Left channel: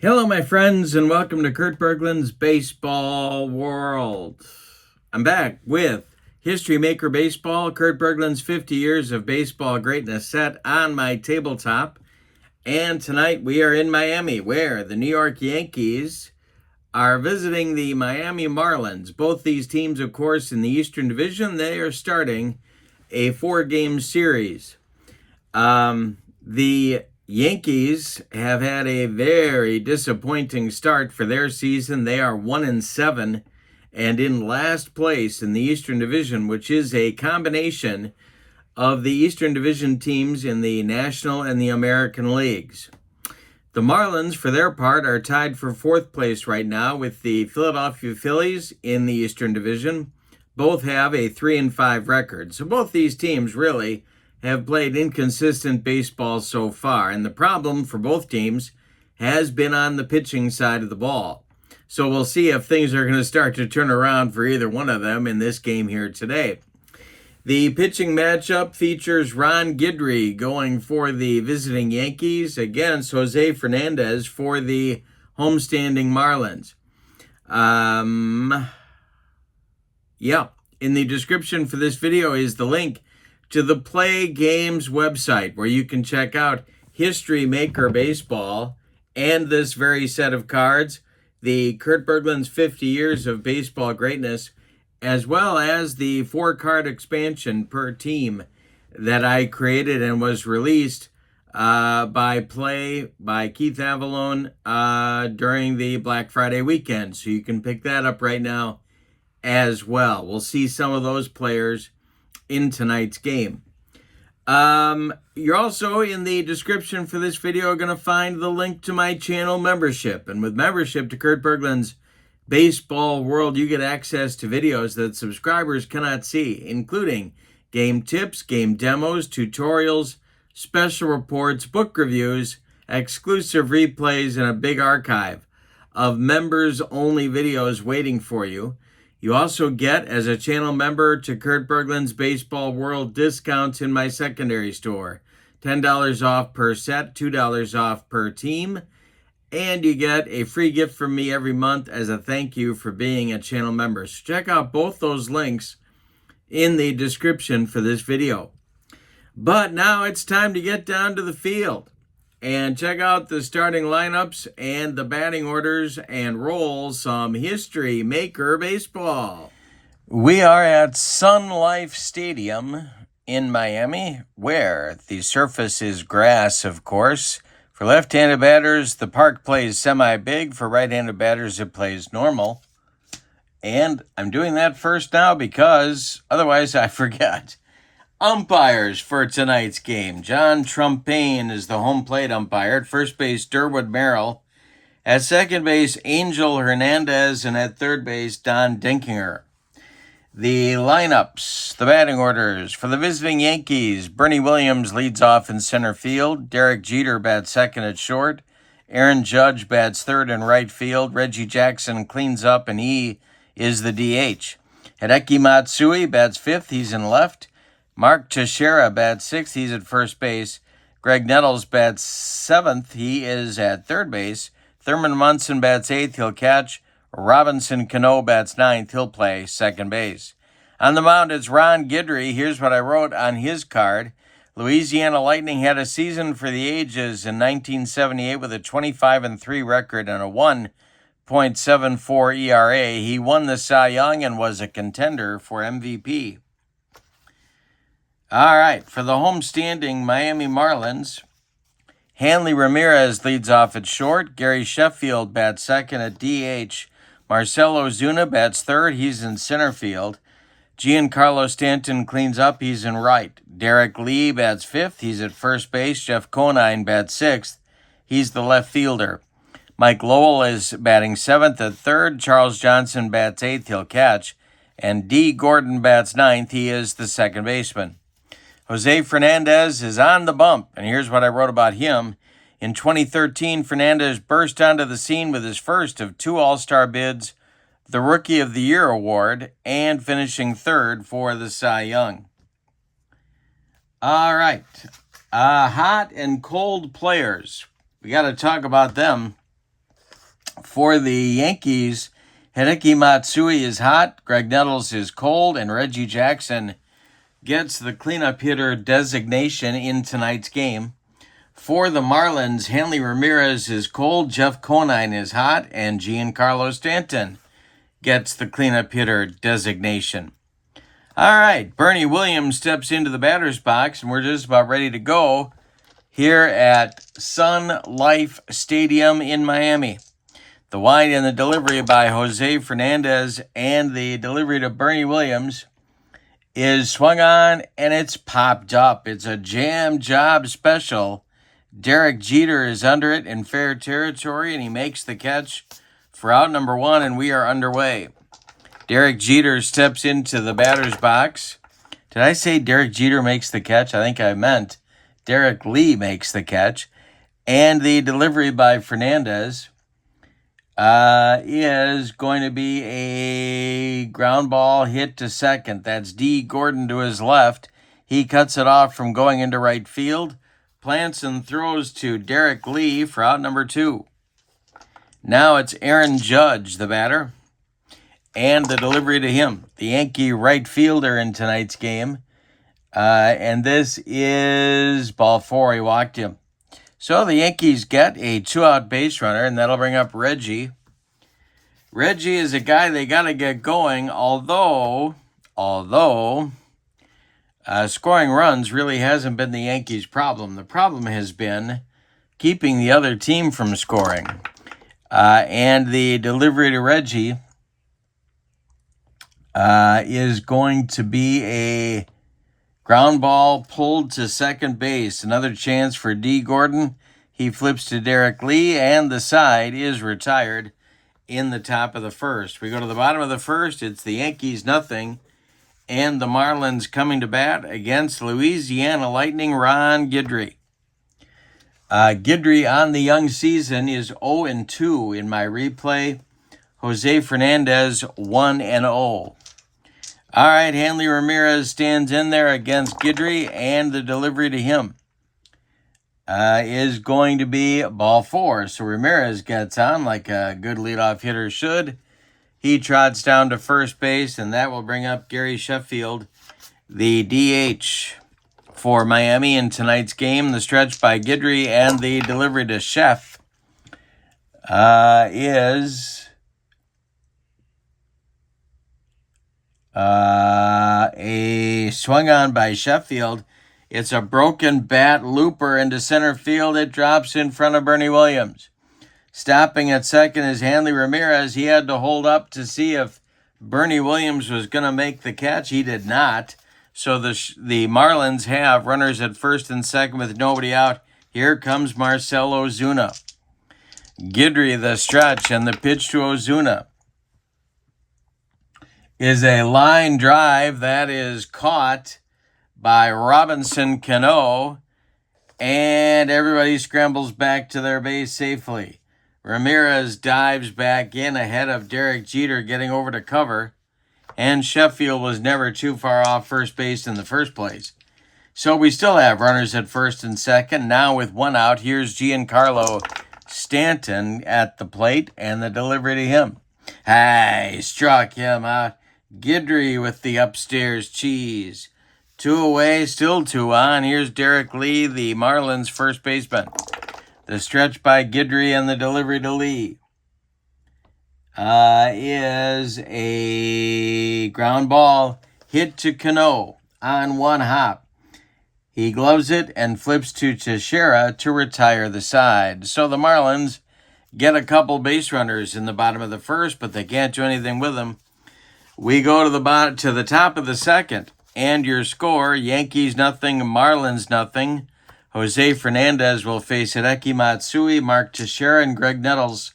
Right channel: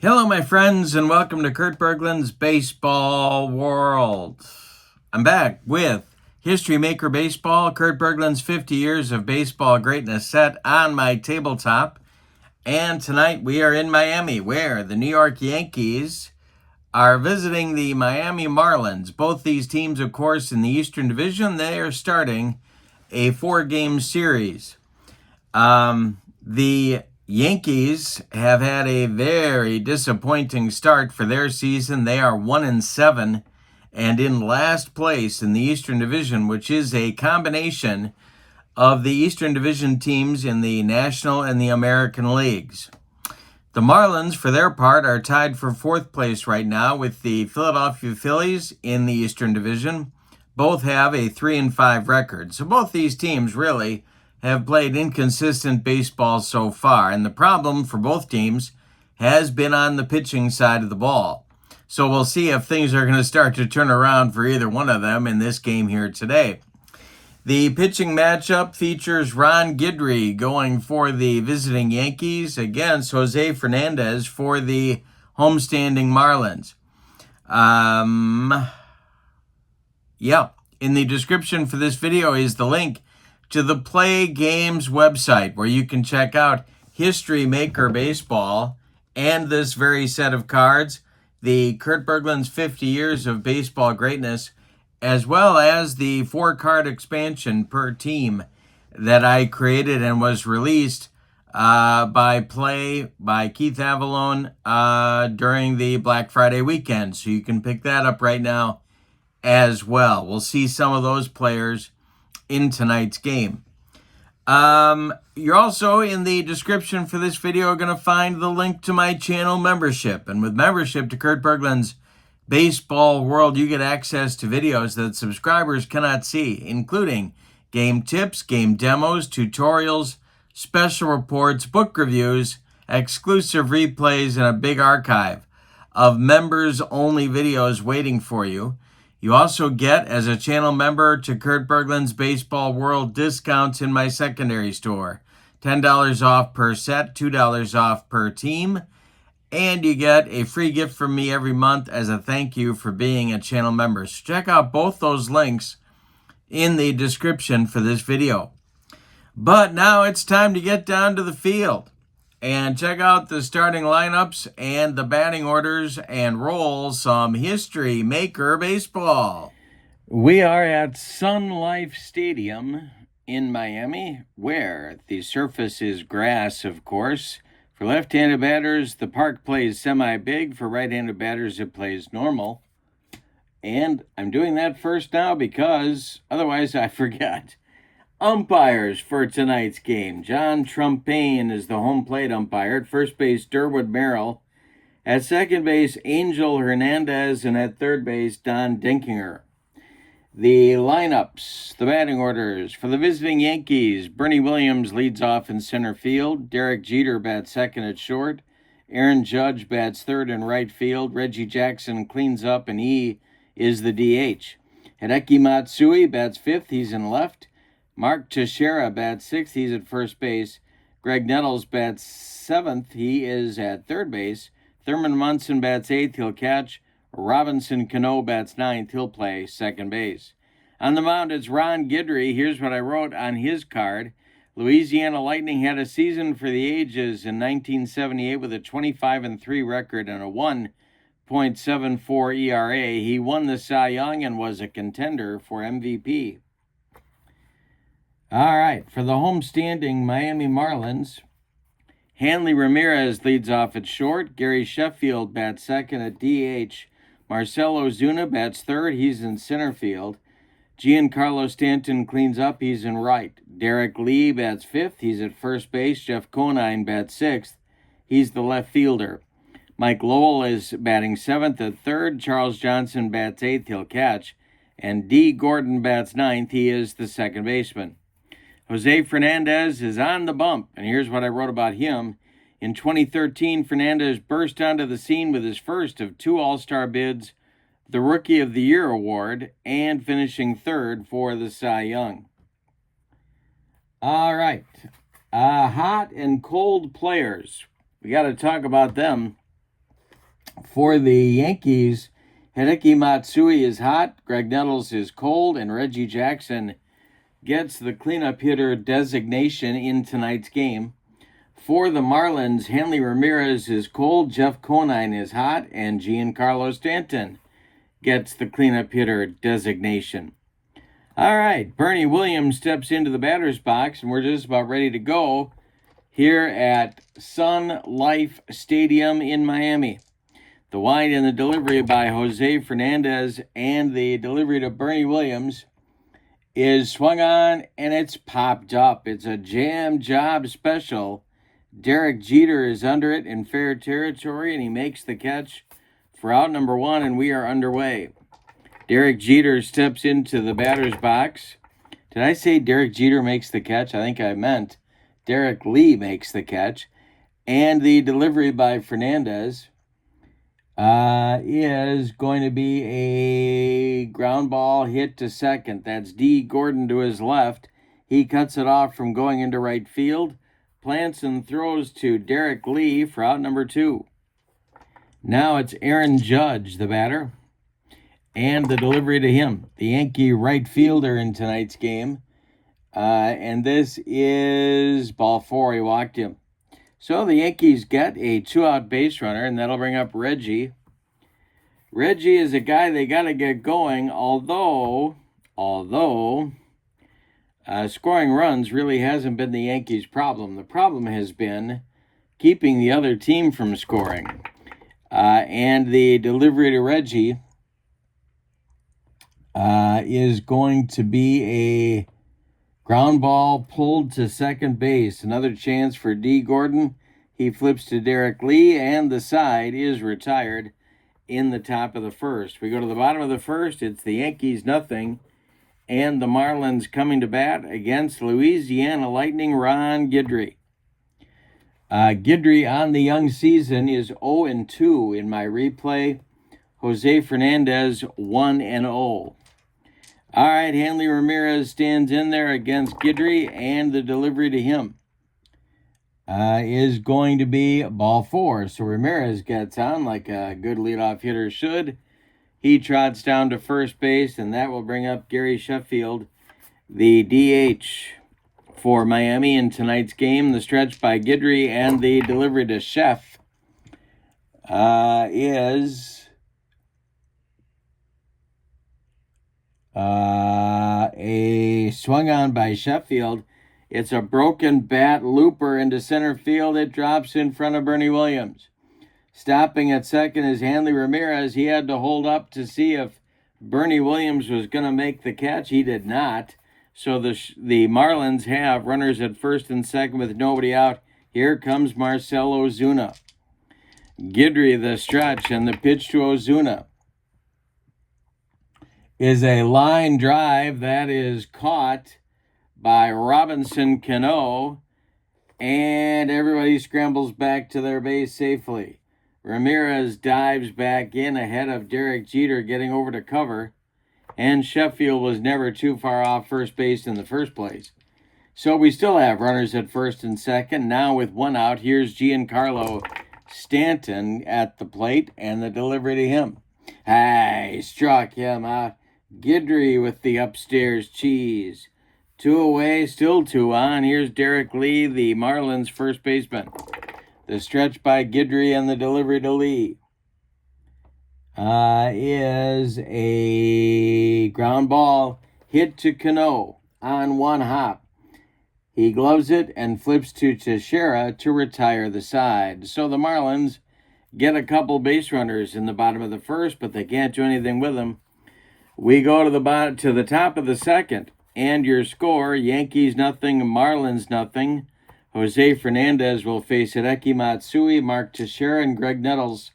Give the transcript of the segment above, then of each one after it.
Hello, my friends, and welcome to Kurt Bergland's Baseball World. I'm back with History Maker Baseball, Kurt Bergland's 50 Years of Baseball Greatness set on my tabletop. And tonight we are in Miami, where the New York Yankees are visiting the Miami Marlins. Both these teams, of course, in the Eastern Division, they are starting a 4-game series. The Yankees have had a very disappointing start for their season. They are 1-7 and in last place in the Eastern Division, which is a combination of the Eastern Division teams in the National and the American Leagues. The Marlins, for their part, are tied for fourth place right now with the Philadelphia Phillies in the Eastern Division. Both have a 3-5 record. So both these teams really have played inconsistent baseball so far, and the problem for both teams has been on the pitching side of the ball. So we'll see if things are going to start to turn around for either one of them in this game here today. The pitching matchup features Ron Guidry going for the visiting Yankees against Jose Fernandez for the homestanding Marlins. In the description for this video is the link to the Play Games website where you can check out History Maker Baseball and this very set of cards, the Kurt Bergland's 50 Years of Baseball Greatness, as well as the 4-card expansion per team that I created and was released by Keith Avalone during the Black Friday weekend. So you can pick that up right now as well. We'll see some of those players in tonight's game. You're also in the description for this video going to find the link to my channel membership. And with membership to Kurt Bergland's Baseball World, you get access to videos that subscribers cannot see, including game tips, game demos, tutorials, special reports, book reviews, exclusive replays, and a big archive of members-only videos waiting for you. You also get, as a channel member to Kurt Bergland's Baseball World, discounts in my secondary store. $10 off per set, $2 off per team. And you get a free gift from me every month as a thank you for being a channel member. So check out both those links in the description for this video. But now it's time to get down to the field and check out the starting lineups and the batting orders and roll some History Maker Baseball. We are at Sun Life Stadium in Miami, where the surface is grass, of course. For left-handed batters, the park plays semi-big. For right-handed batters, it plays normal. And I'm doing that first now because otherwise I forget. Umpires for tonight's game. John Trumpain is the home plate umpire. At first base, Durwood Merrill. At second base, Angel Hernandez. And at third base, Don Dinkinger. The lineups, the batting orders. For the visiting Yankees, Bernie Williams leads off in center field. Derek Jeter bats second at short. Aaron Judge bats third in right field. Reggie Jackson cleans up, and he is the DH. Hideki Matsui bats fifth. He's in left. Mark Teixeira bats sixth. He's at first base. Greg Nettles bats seventh. He is at third base. Thurman Munson bats eighth. He'll catch. Robinson Cano bats ninth. He'll play second base. On the mound, it's Ron Guidry. Here's what I wrote on his card. Louisiana Lightning had a season for the ages in 1978 with a 25-3 record and a 1.74 ERA. He won the Cy Young and was a contender for MVP. All right, for the homestanding Miami Marlins, Hanley Ramirez leads off at short. Gary Sheffield bats second at DH. Marcelo Zuna bats third. He's in center field. Giancarlo Stanton cleans up. He's in right. Derek Lee bats fifth. He's at first base. Jeff Conine bats sixth. He's the left fielder. Mike Lowell is batting seventh at third. Charles Johnson bats eighth. He'll catch. And D. Gordon bats ninth. He is the second baseman. Jose Fernandez is on the bump, and here's what I wrote about him. In 2013, Fernandez burst onto the scene with his first of 2 All-Star bids, the Rookie of the Year award, and finishing third for the Cy Young. All right, hot and cold players. We got to talk about them. For the Yankees, Hideki Matsui is hot, Greg Nettles is cold, and Reggie Jackson gets the cleanup hitter designation in tonight's game. For the Marlins, Hanley Ramirez is cold, Jeff Conine is hot, and Giancarlo Stanton gets the cleanup hitter designation. All right, Bernie Williams steps into the batter's box, and we're just about ready to go here at Sun Life Stadium in Miami. The wind and the delivery by Jose Fernandez, and the delivery to Bernie Williams is swung on, and it's popped up. It's a jam job special. Derek Jeter is under it in fair territory, and he makes the catch for out number 1, and we are underway. Derek Jeter steps into the batter's box. Did I say Derek Jeter makes the catch? I think I meant Derek Lee makes the catch. And the delivery by Fernandez is going to be a ground ball hit to second. That's D. Gordon to his left. He cuts it off from going into right field. Plants and throws to Derek Lee for out number 2. Now it's Aaron Judge, the batter, and the delivery to him, the Yankee right fielder in tonight's game. And this is ball 4. He walked him. So the Yankees get a 2-out base runner, and that'll bring up Reggie. Reggie is a guy they got to get going, although scoring runs really hasn't been the Yankees' problem. The problem has been keeping the other team from scoring. And the delivery to Reggie is going to be a ground ball pulled to second base. Another chance for D. Gordon. He flips to Derek Lee, and the side is retired in the top of the first. We go to the bottom of the first. It's the Yankees 0, and the Marlins coming to bat against Louisiana Lightning Ron Guidry. Guidry on the young season is 0-2 in my replay. Jose Fernandez 1-0. All right, Hanley Ramirez stands in there against Guidry, and the delivery to him is going to be ball 4. So Ramirez gets on like a good leadoff hitter should. He trots down to first base, and that will bring up Gary Sheffield, the DH for Miami in tonight's game. The stretch by Guidry and the delivery to Sheff is a swung on by Sheffield. It's a broken bat looper into center field. It drops in front of Bernie Williams. Stopping at second is Hanley Ramirez. He had to hold up to see if Bernie Williams was going to make the catch. He did not. So the Marlins have runners at first and second with nobody out. Here comes Marcell Ozuna. Guidry, the stretch, and the pitch to Ozuna is a line drive that is caught by Robinson Cano, and everybody scrambles back to their base safely. Ramirez dives back in ahead of Derek Jeter getting over to cover, and Sheffield was never too far off first base in the first place. So we still have runners at first and second. Now with 1 out, here's Giancarlo Stanton at the plate, and the delivery to him. He struck him out. Guidry with the upstairs cheese. 2 away, still 2 on. Here's Derek Lee, the Marlins first baseman. The stretch by Guidry and the delivery to Lee is a ground ball hit to Cano on 1 hop. He gloves it and flips to Teixeira to retire the side. So the Marlins get a couple base runners in the bottom of the first, but they can't do anything with them. We go to the top of the second, and your score: Yankees 0, Marlins 0. Jose Fernandez will face Hideki Matsui, Mark Teixeira, and Greg Nettles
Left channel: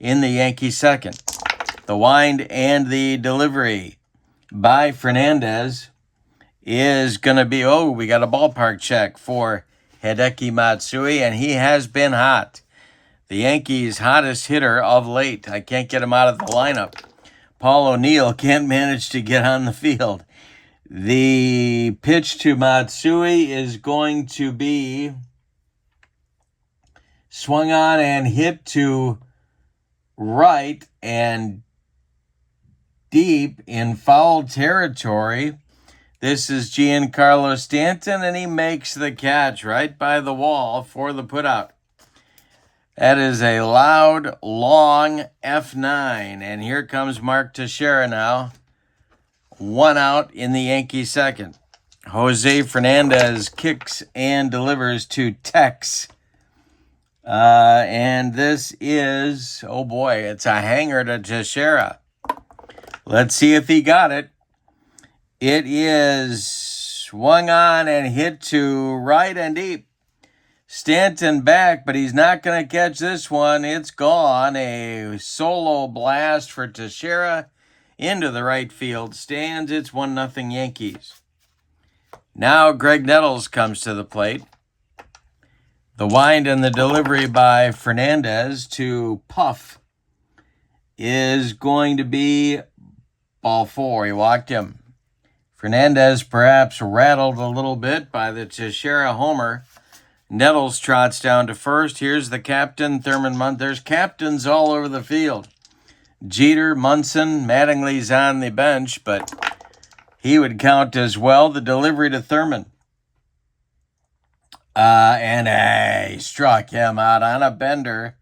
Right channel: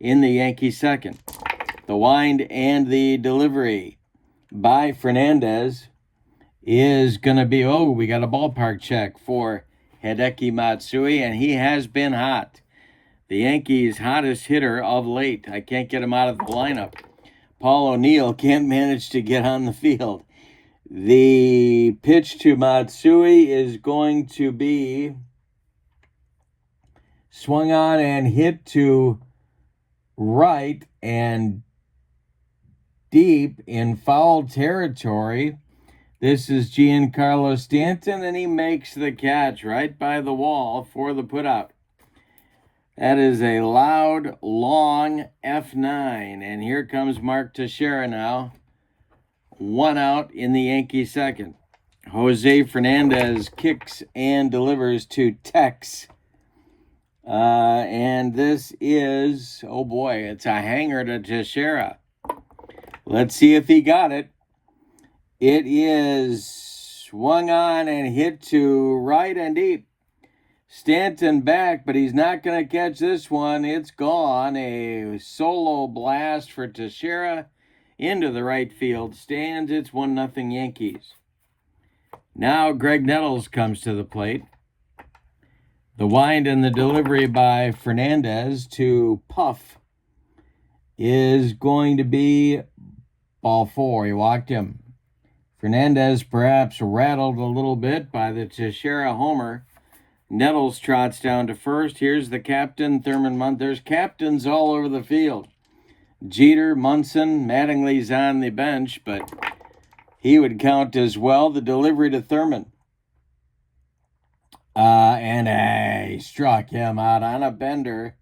in the Yankee second. The wind and the delivery by Fernandez is going to be, we got a ballpark check for Hideki Matsui, and he has been hot. The Yankees' hottest hitter of late. I can't get him out of the lineup. Paul O'Neill can't manage to get on the field. The pitch to Matsui is going to be swung on and hit to right and deep in foul territory. This is Giancarlo Stanton, and he makes the catch right by the wall for the putout. That is a loud, long F9, and here comes Mark Teixeira now. 1 out in the Yankee second. Jose Fernandez kicks and delivers to Tex. And this is, oh boy, it's a hanger to Teixeira. Let's see if he got it. It is swung on and hit to right and deep. Stanton back, but he's not going to catch this one. It's gone. A solo blast for Teixeira into the right field stands. It's 1-0 Yankees. Now Greg Nettles comes to the plate. The wind and the delivery by Fernandez to Puff is going to be ball 4. He walked him. Fernandez perhaps rattled a little bit by the Teixeira homer. Nettles trots down to first. Here's the captain, Thurman Munson. There's captains all over the field. Jeter, Munson, Mattingly's on the bench, but he would count as well. The delivery to Thurman. And he struck him out on a bender.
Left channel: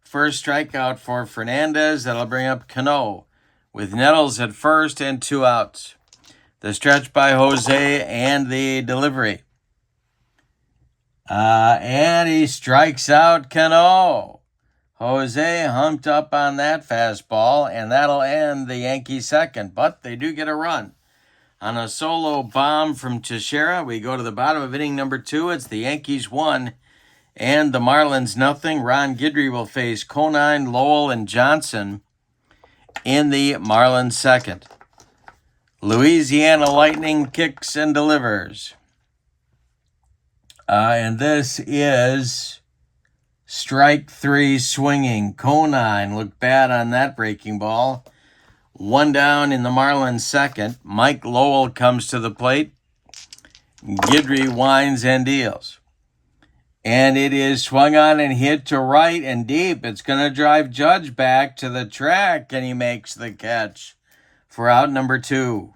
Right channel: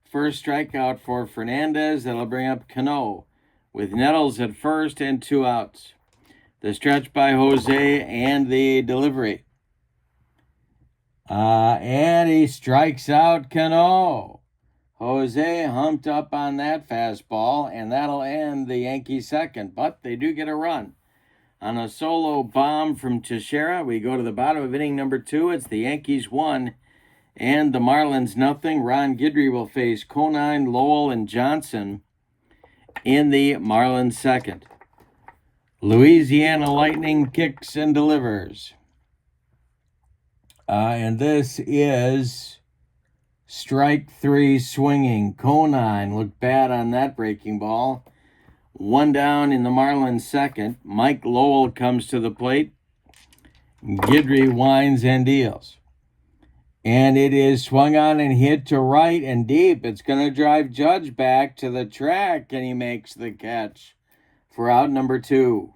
First strikeout for Fernandez. That'll bring up Cano with Nettles at first and 2 outs. The stretch by Jose and the delivery. And he strikes out Cano. Jose humped up on that fastball, and that'll end the Yankee second. But they do get a run. On a solo bomb from Teixeira, we go to the bottom of inning number 2. It's the Yankees 1 and the Marlins 0. Ron Guidry will face Conine, Lowell, and Johnson in the Marlins second. Louisiana Lightning kicks and delivers. And this is strike 3 swinging. Conine looked bad on that breaking ball. 1 down in the Marlins second. Mike Lowell comes to the plate. Guidry winds and deals. And it is swung on and hit to right and deep. It's going to drive Judge back to the track, and he makes the catch for out number 2.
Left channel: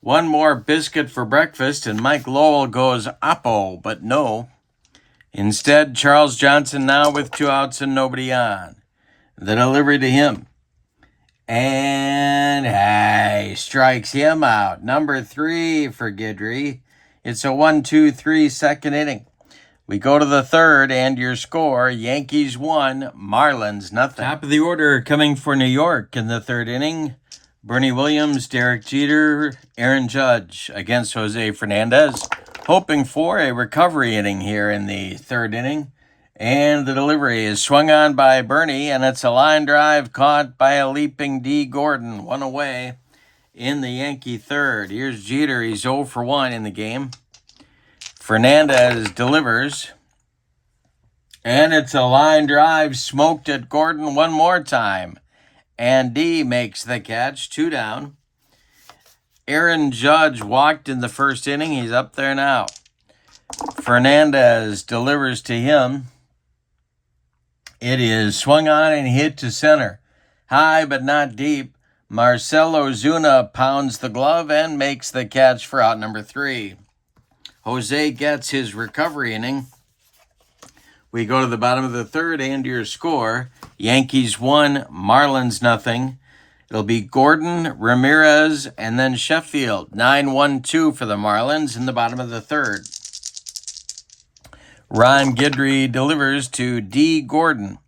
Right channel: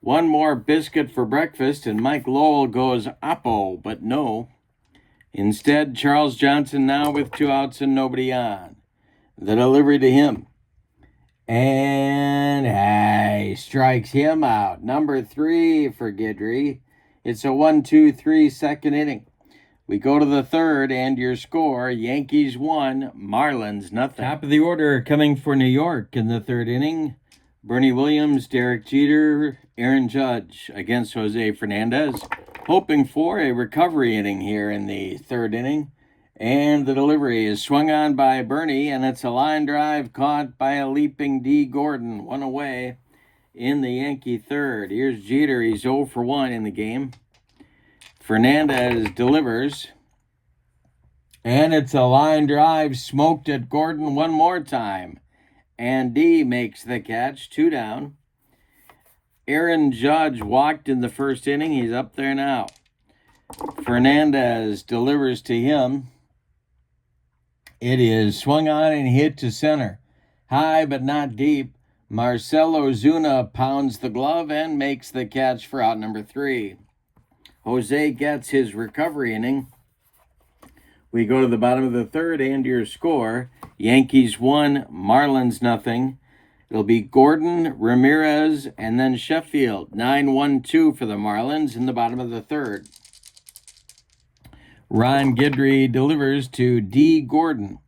One more biscuit for breakfast, and Mike Lowell goes oppo, but no. Instead, Charles Johnson now with 2 outs and nobody on. The delivery to him. And he strikes him out. Number 3 for Guidry. It's a 1-2-3 second inning. We go to the third, and your score, Yankees 1, Marlins 0. Top of the order coming for New York in the third inning. Bernie Williams, Derek Jeter, Aaron Judge against Jose Fernandez. Hoping for a recovery inning here in the third inning. And the delivery is swung on by Bernie, and it's a line drive caught by a leaping D. Gordon. 1 away in the Yankee third. Here's Jeter. He's 0 for 1 in the game. Fernandez delivers. And it's a line drive smoked at Gordon one more time. And D makes the catch. 2 down. Aaron Judge walked in the first inning. He's up there now. Fernandez delivers to him. It is swung on and hit to center. High but not deep. Marcelo Zuna pounds the glove and makes the catch for out number 3. Jose gets his recovery inning. We go to the bottom of the third, and your score, Yankees 1, Marlins 0. It'll be Gordon, Ramirez, and then Sheffield. 9-1-2 for the Marlins in the bottom of the third. Ron Guidry delivers to D. Gordon.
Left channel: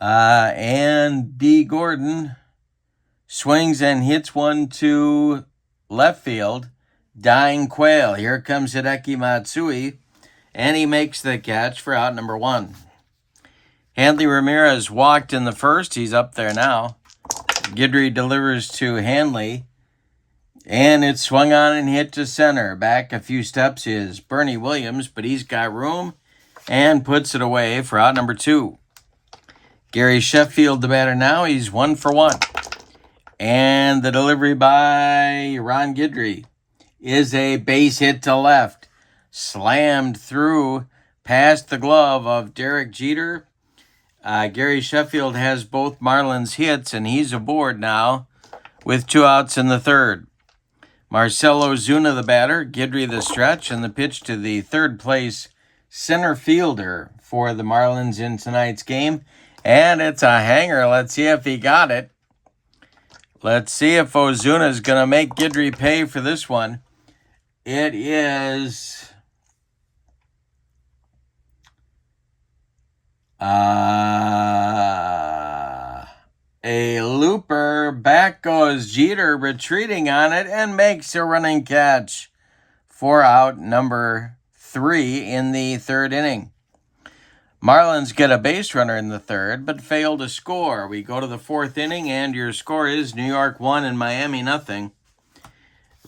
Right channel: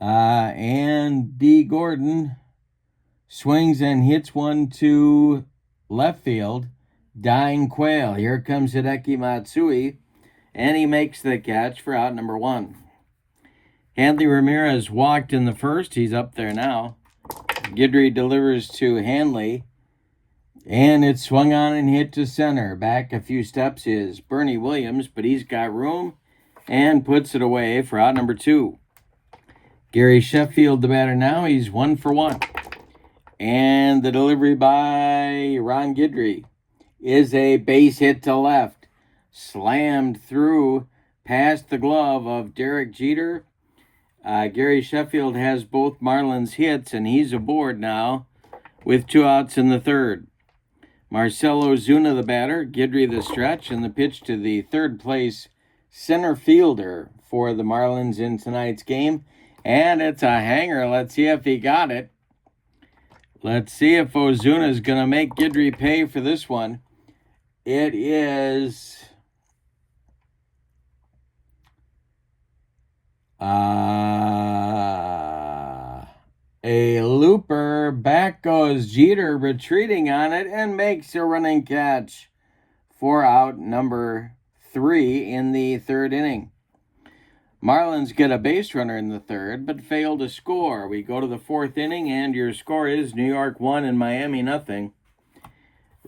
And D. Gordon swings and hits one to left field. Dying Quail. Here comes Hideki Matsui, and he makes the catch for out number 1. Hanley Ramirez walked in the first. He's up there now. Guidry delivers to Hanley, and it's swung on and hit to center. Back a few steps is Bernie Williams, but he's got room and puts it away for out number 2. Gary Sheffield, the batter now. He's 1 for 1. And the delivery by Ron Guidry is a base hit to left. Slammed through past the glove of Derek Jeter. Gary Sheffield has both Marlins hits, and he's aboard now with 2 outs in the third. Marcell Ozuna, the batter, Guidry, the stretch, and the pitch to the third place center fielder for the Marlins in tonight's game. And it's a hanger. Let's see if he got it. Let's see if Ozuna is going to make Guidry pay for this one. It is a looper. Back goes Jeter, retreating on it, and makes a running catch for out number 3 in the third inning. Marlins get a base runner in the third, but fail to score. We go to the fourth inning, and your score is New York 1 and Miami nothing.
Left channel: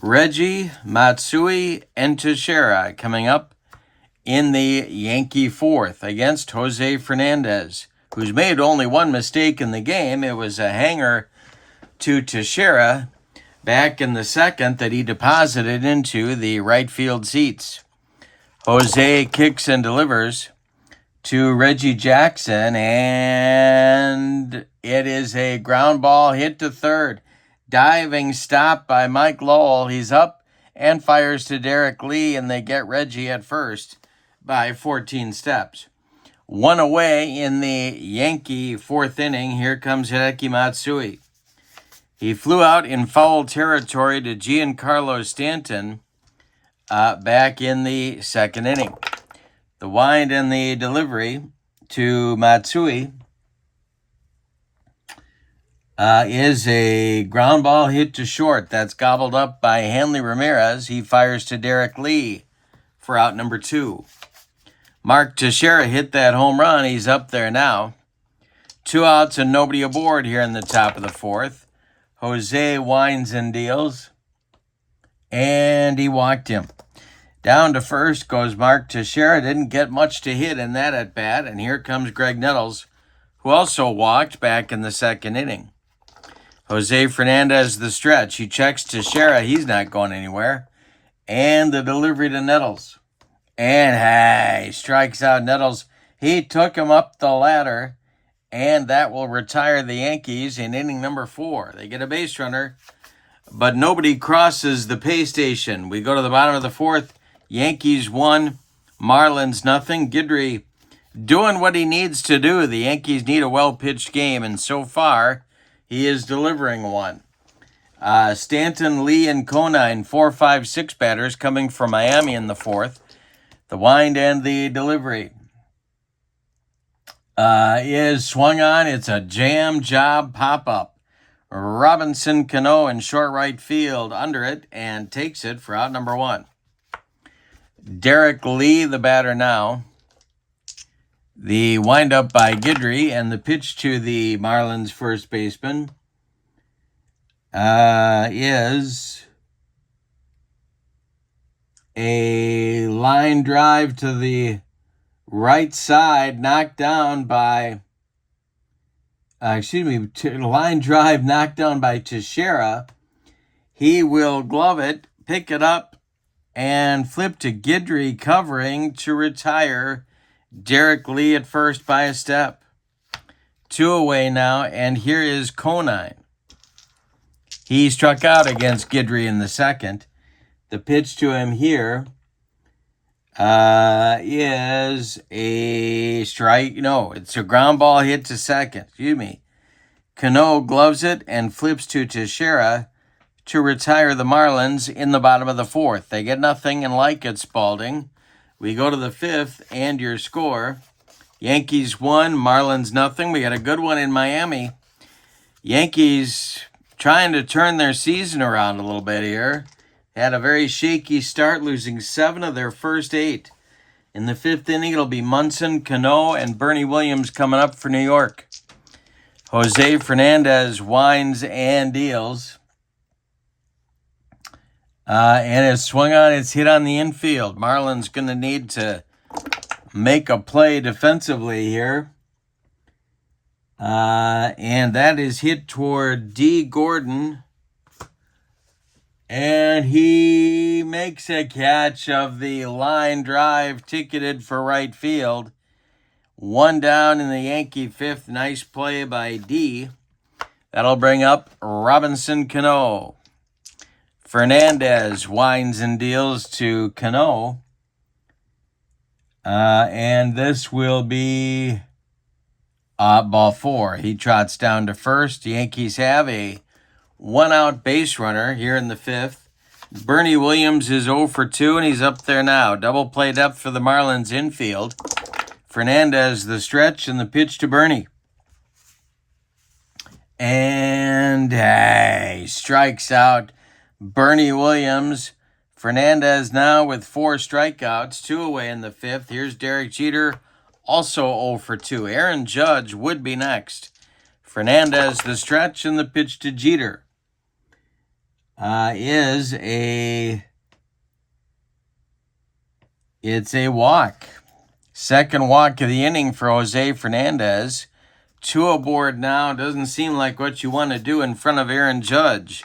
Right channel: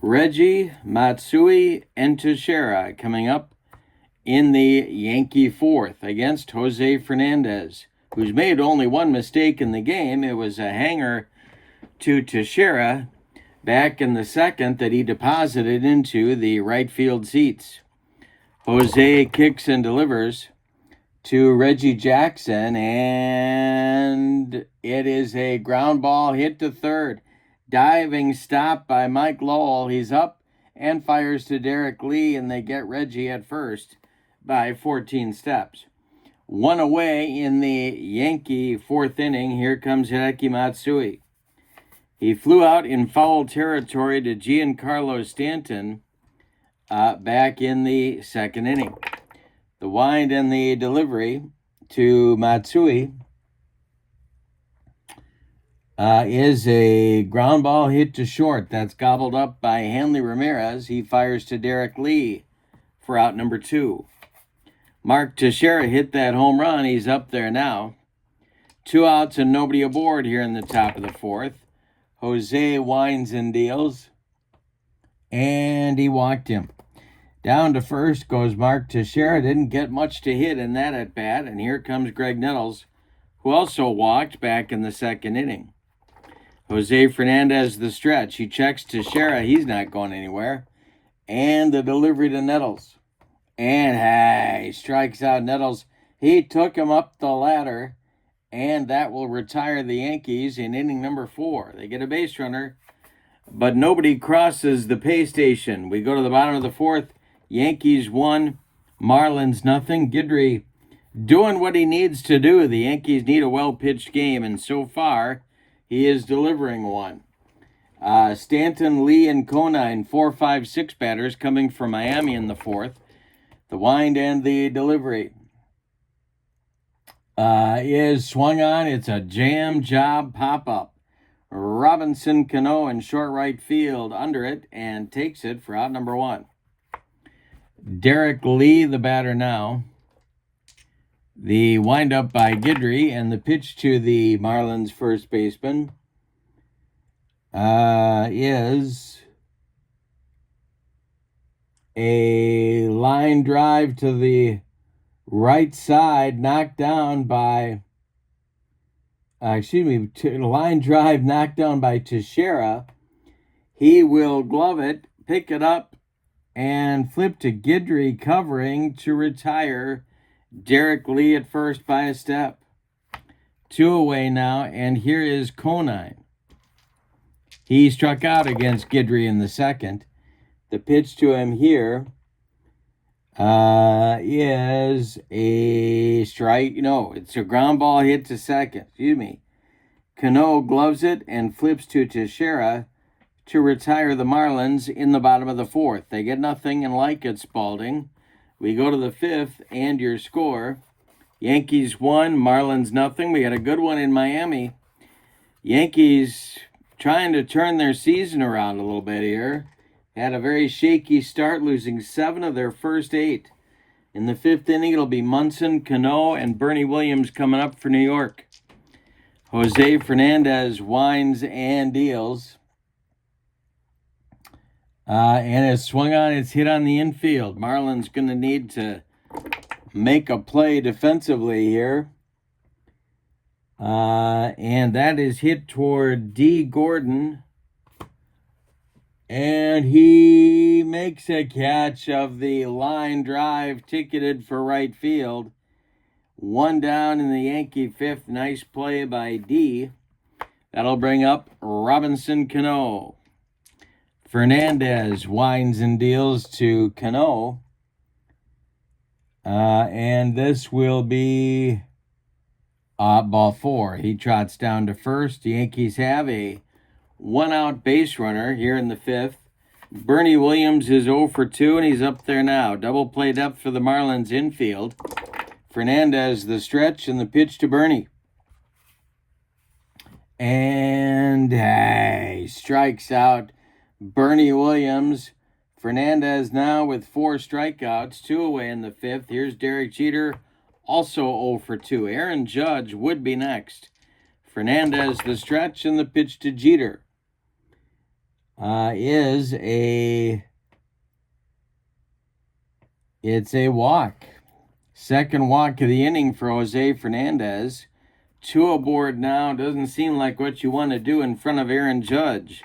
Reggie, Matsui, and Teixeira coming up in the Yankee fourth against Jose Fernandez, who's made only one mistake in the game. It was a hanger to Teixeira back in the second that he deposited into the right field seats. Jose kicks and delivers to Reggie Jackson, and it is a ground ball hit to third. Diving stop by Mike Lowell. He's up and fires to Derek Lee, and they get Reggie at first by 14 steps. One away in the Yankee fourth inning. Here comes Hideki Matsui. He flew out in foul territory to Giancarlo Stanton back in the second inning. The wind and the delivery to Matsui is a ground ball hit to short. That's gobbled up by Hanley Ramirez. He fires to Derek Lee for out number 2. Mark Teixeira hit that home run. He's up there now. 2 outs and nobody aboard here in the top of the fourth. Jose winds and deals, and he walked him. Down to first goes Mark Teixeira. Didn't get much to hit in that at bat. And here comes Greg Nettles, who also walked back in the second inning. Jose Fernandez, the stretch. He checks Teixeira. He's not going anywhere. And the delivery to Nettles. And he strikes out Nettles. He took him up the ladder. And that will retire the Yankees in inning number 4. They get a base runner, but nobody crosses the pay station. We go to the bottom of the fourth. Yankees 1, Marlins nothing. Guidry doing what he needs to do. The Yankees need a well-pitched game, and so far, he is delivering one. Stanton, Lee, and Conine, 4, 5, 6 batters coming from Miami in the fourth. The wind and the delivery is swung on. It's a jam job pop-up. Robinson Cano in short right field under it and takes it for out number 1. Derek Lee, the batter now. The windup by Guidry and the pitch to the Marlins first baseman is a line drive to the right side, knocked down by, line drive knocked down by Teixeira. He will glove it, pick it up, and flip to Guidry covering to retire Derek Lee at first by a step. 2 away now, and here is Conine. He struck out against Guidry in the second. The pitch to him here is a strike. No, it's a ground ball hit to second. Cano gloves it and flips to Teixeira to retire the Marlins in the bottom of the fourth. They get nothing and like it, Spalding. We go to the fifth, and your score. Yankees 1, Marlins nothing. We got a good one in Miami. Yankees trying to turn their season around a little bit here. Had a very shaky start, losing 7 of their first 8. In the fifth inning, it'll be Munson, Cano, and Bernie Williams coming up for New York. Jose Fernandez winds and deals. And it's swung on, it's hit on the infield. Marlins going to need to make a play defensively here. And that is hit toward D. Gordon. And he makes a catch of the line drive ticketed for right field. One down in the Yankee fifth. Nice play by D. That'll bring up Robinson Cano. Fernandez winds and deals to Cano. And this will be ball 4. He trots down to first. The Yankees have a one-out base runner here in the fifth. Bernie Williams is 0 for 2, and he's up there now. Double play depth for the Marlins infield. Fernandez the stretch and the pitch to Bernie. And he strikes out Bernie Williams. Fernandez now with 4 strikeouts, 2 away in the fifth. Here's Derek Jeter, also 0 for 2. Aaron Judge would be next. Fernandez the stretch and the pitch to Jeter it's a walk. Second walk of the inning for Jose Fernandez. 2 aboard now. Doesn't seem like what you want to do in front of Aaron Judge.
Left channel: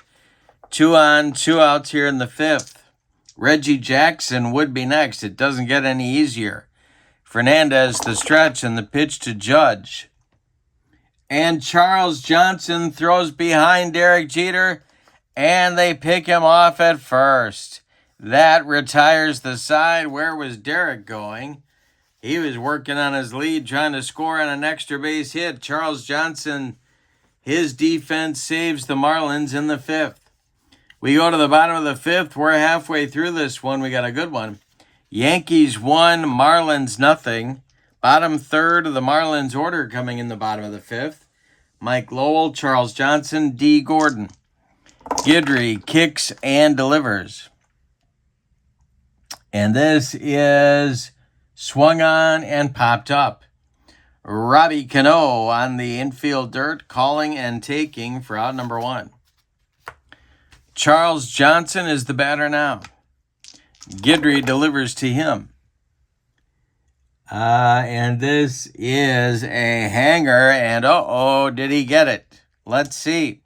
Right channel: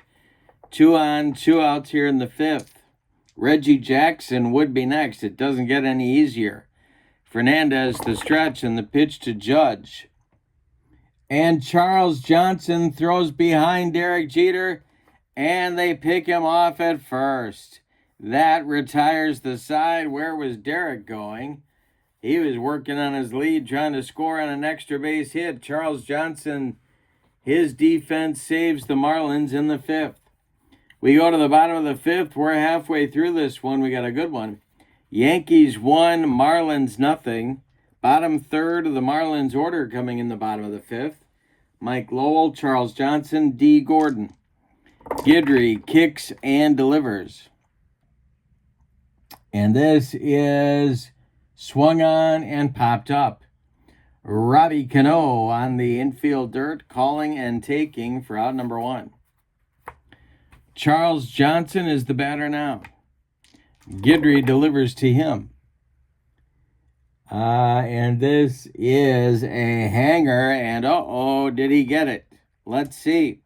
2 on, 2 outs here in the fifth. Reggie Jackson would be next. It doesn't get any easier. Fernandez the stretch and the pitch to Judge. And Charles Johnson throws behind Derek Jeter, and they pick him off at first. That retires the side. Where was Derek going? He was working on his lead, trying to score on an extra base hit. Charles Johnson, his defense saves the Marlins in the fifth. We go to the bottom of the fifth. We're halfway through this one. We got a good one. Yankees 1, Marlins nothing. Bottom third of the Marlins order coming in the bottom of the fifth. Mike Lowell, Charles Johnson, D. Gordon. Guidry kicks and delivers. And this is swung on and popped up. Robbie Cano on the infield dirt, calling and taking for out number 1. Charles Johnson is the batter now. Guidry delivers to him. And this is a hanger, and did he get it? Let's see.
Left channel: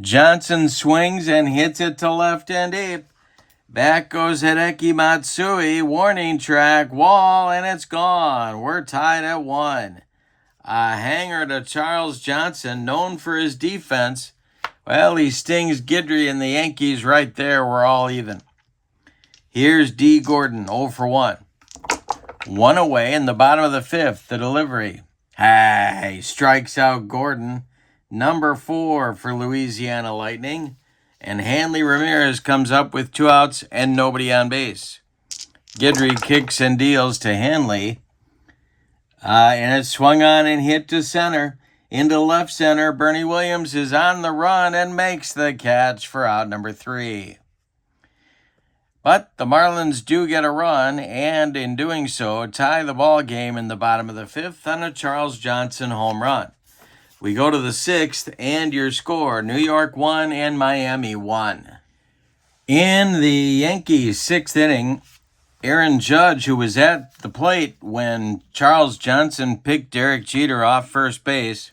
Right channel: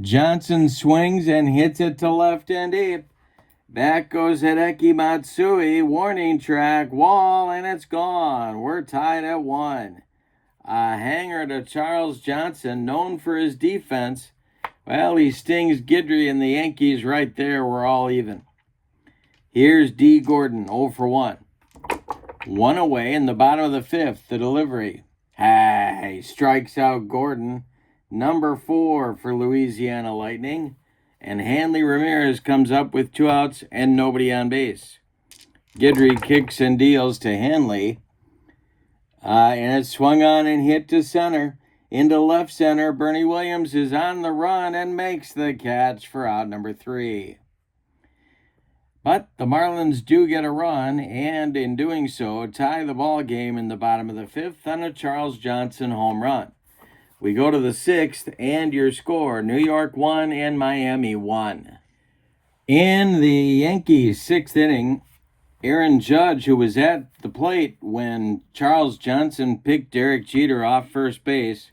Johnson swings and hits it to left and deep. Back goes Hideki Matsui. Warning track, wall, and it's gone. We're tied at 1. A hanger to Charles Johnson, known for his defense. Well, he stings Guidry and the Yankees right there. We're all even. Here's D. Gordon, 0 for 1. 1 away in the bottom of the fifth, the delivery. He strikes out Gordon. Number 4 for Louisiana Lightning. And Hanley Ramirez comes up with 2 outs and nobody on base. Guidry kicks and deals to Hanley. And it's swung on and hit to center. Into left center, Bernie Williams is on the run and makes the catch for out number 3. But the Marlins do get a run, and in doing so, tie the ball game in the bottom of the fifth on a Charles Johnson home run. We go to the sixth, and your score, New York 1 and Miami 1. In the Yankees' sixth inning, Aaron Judge, who was at the plate when Charles Johnson picked Derek Jeter off first base,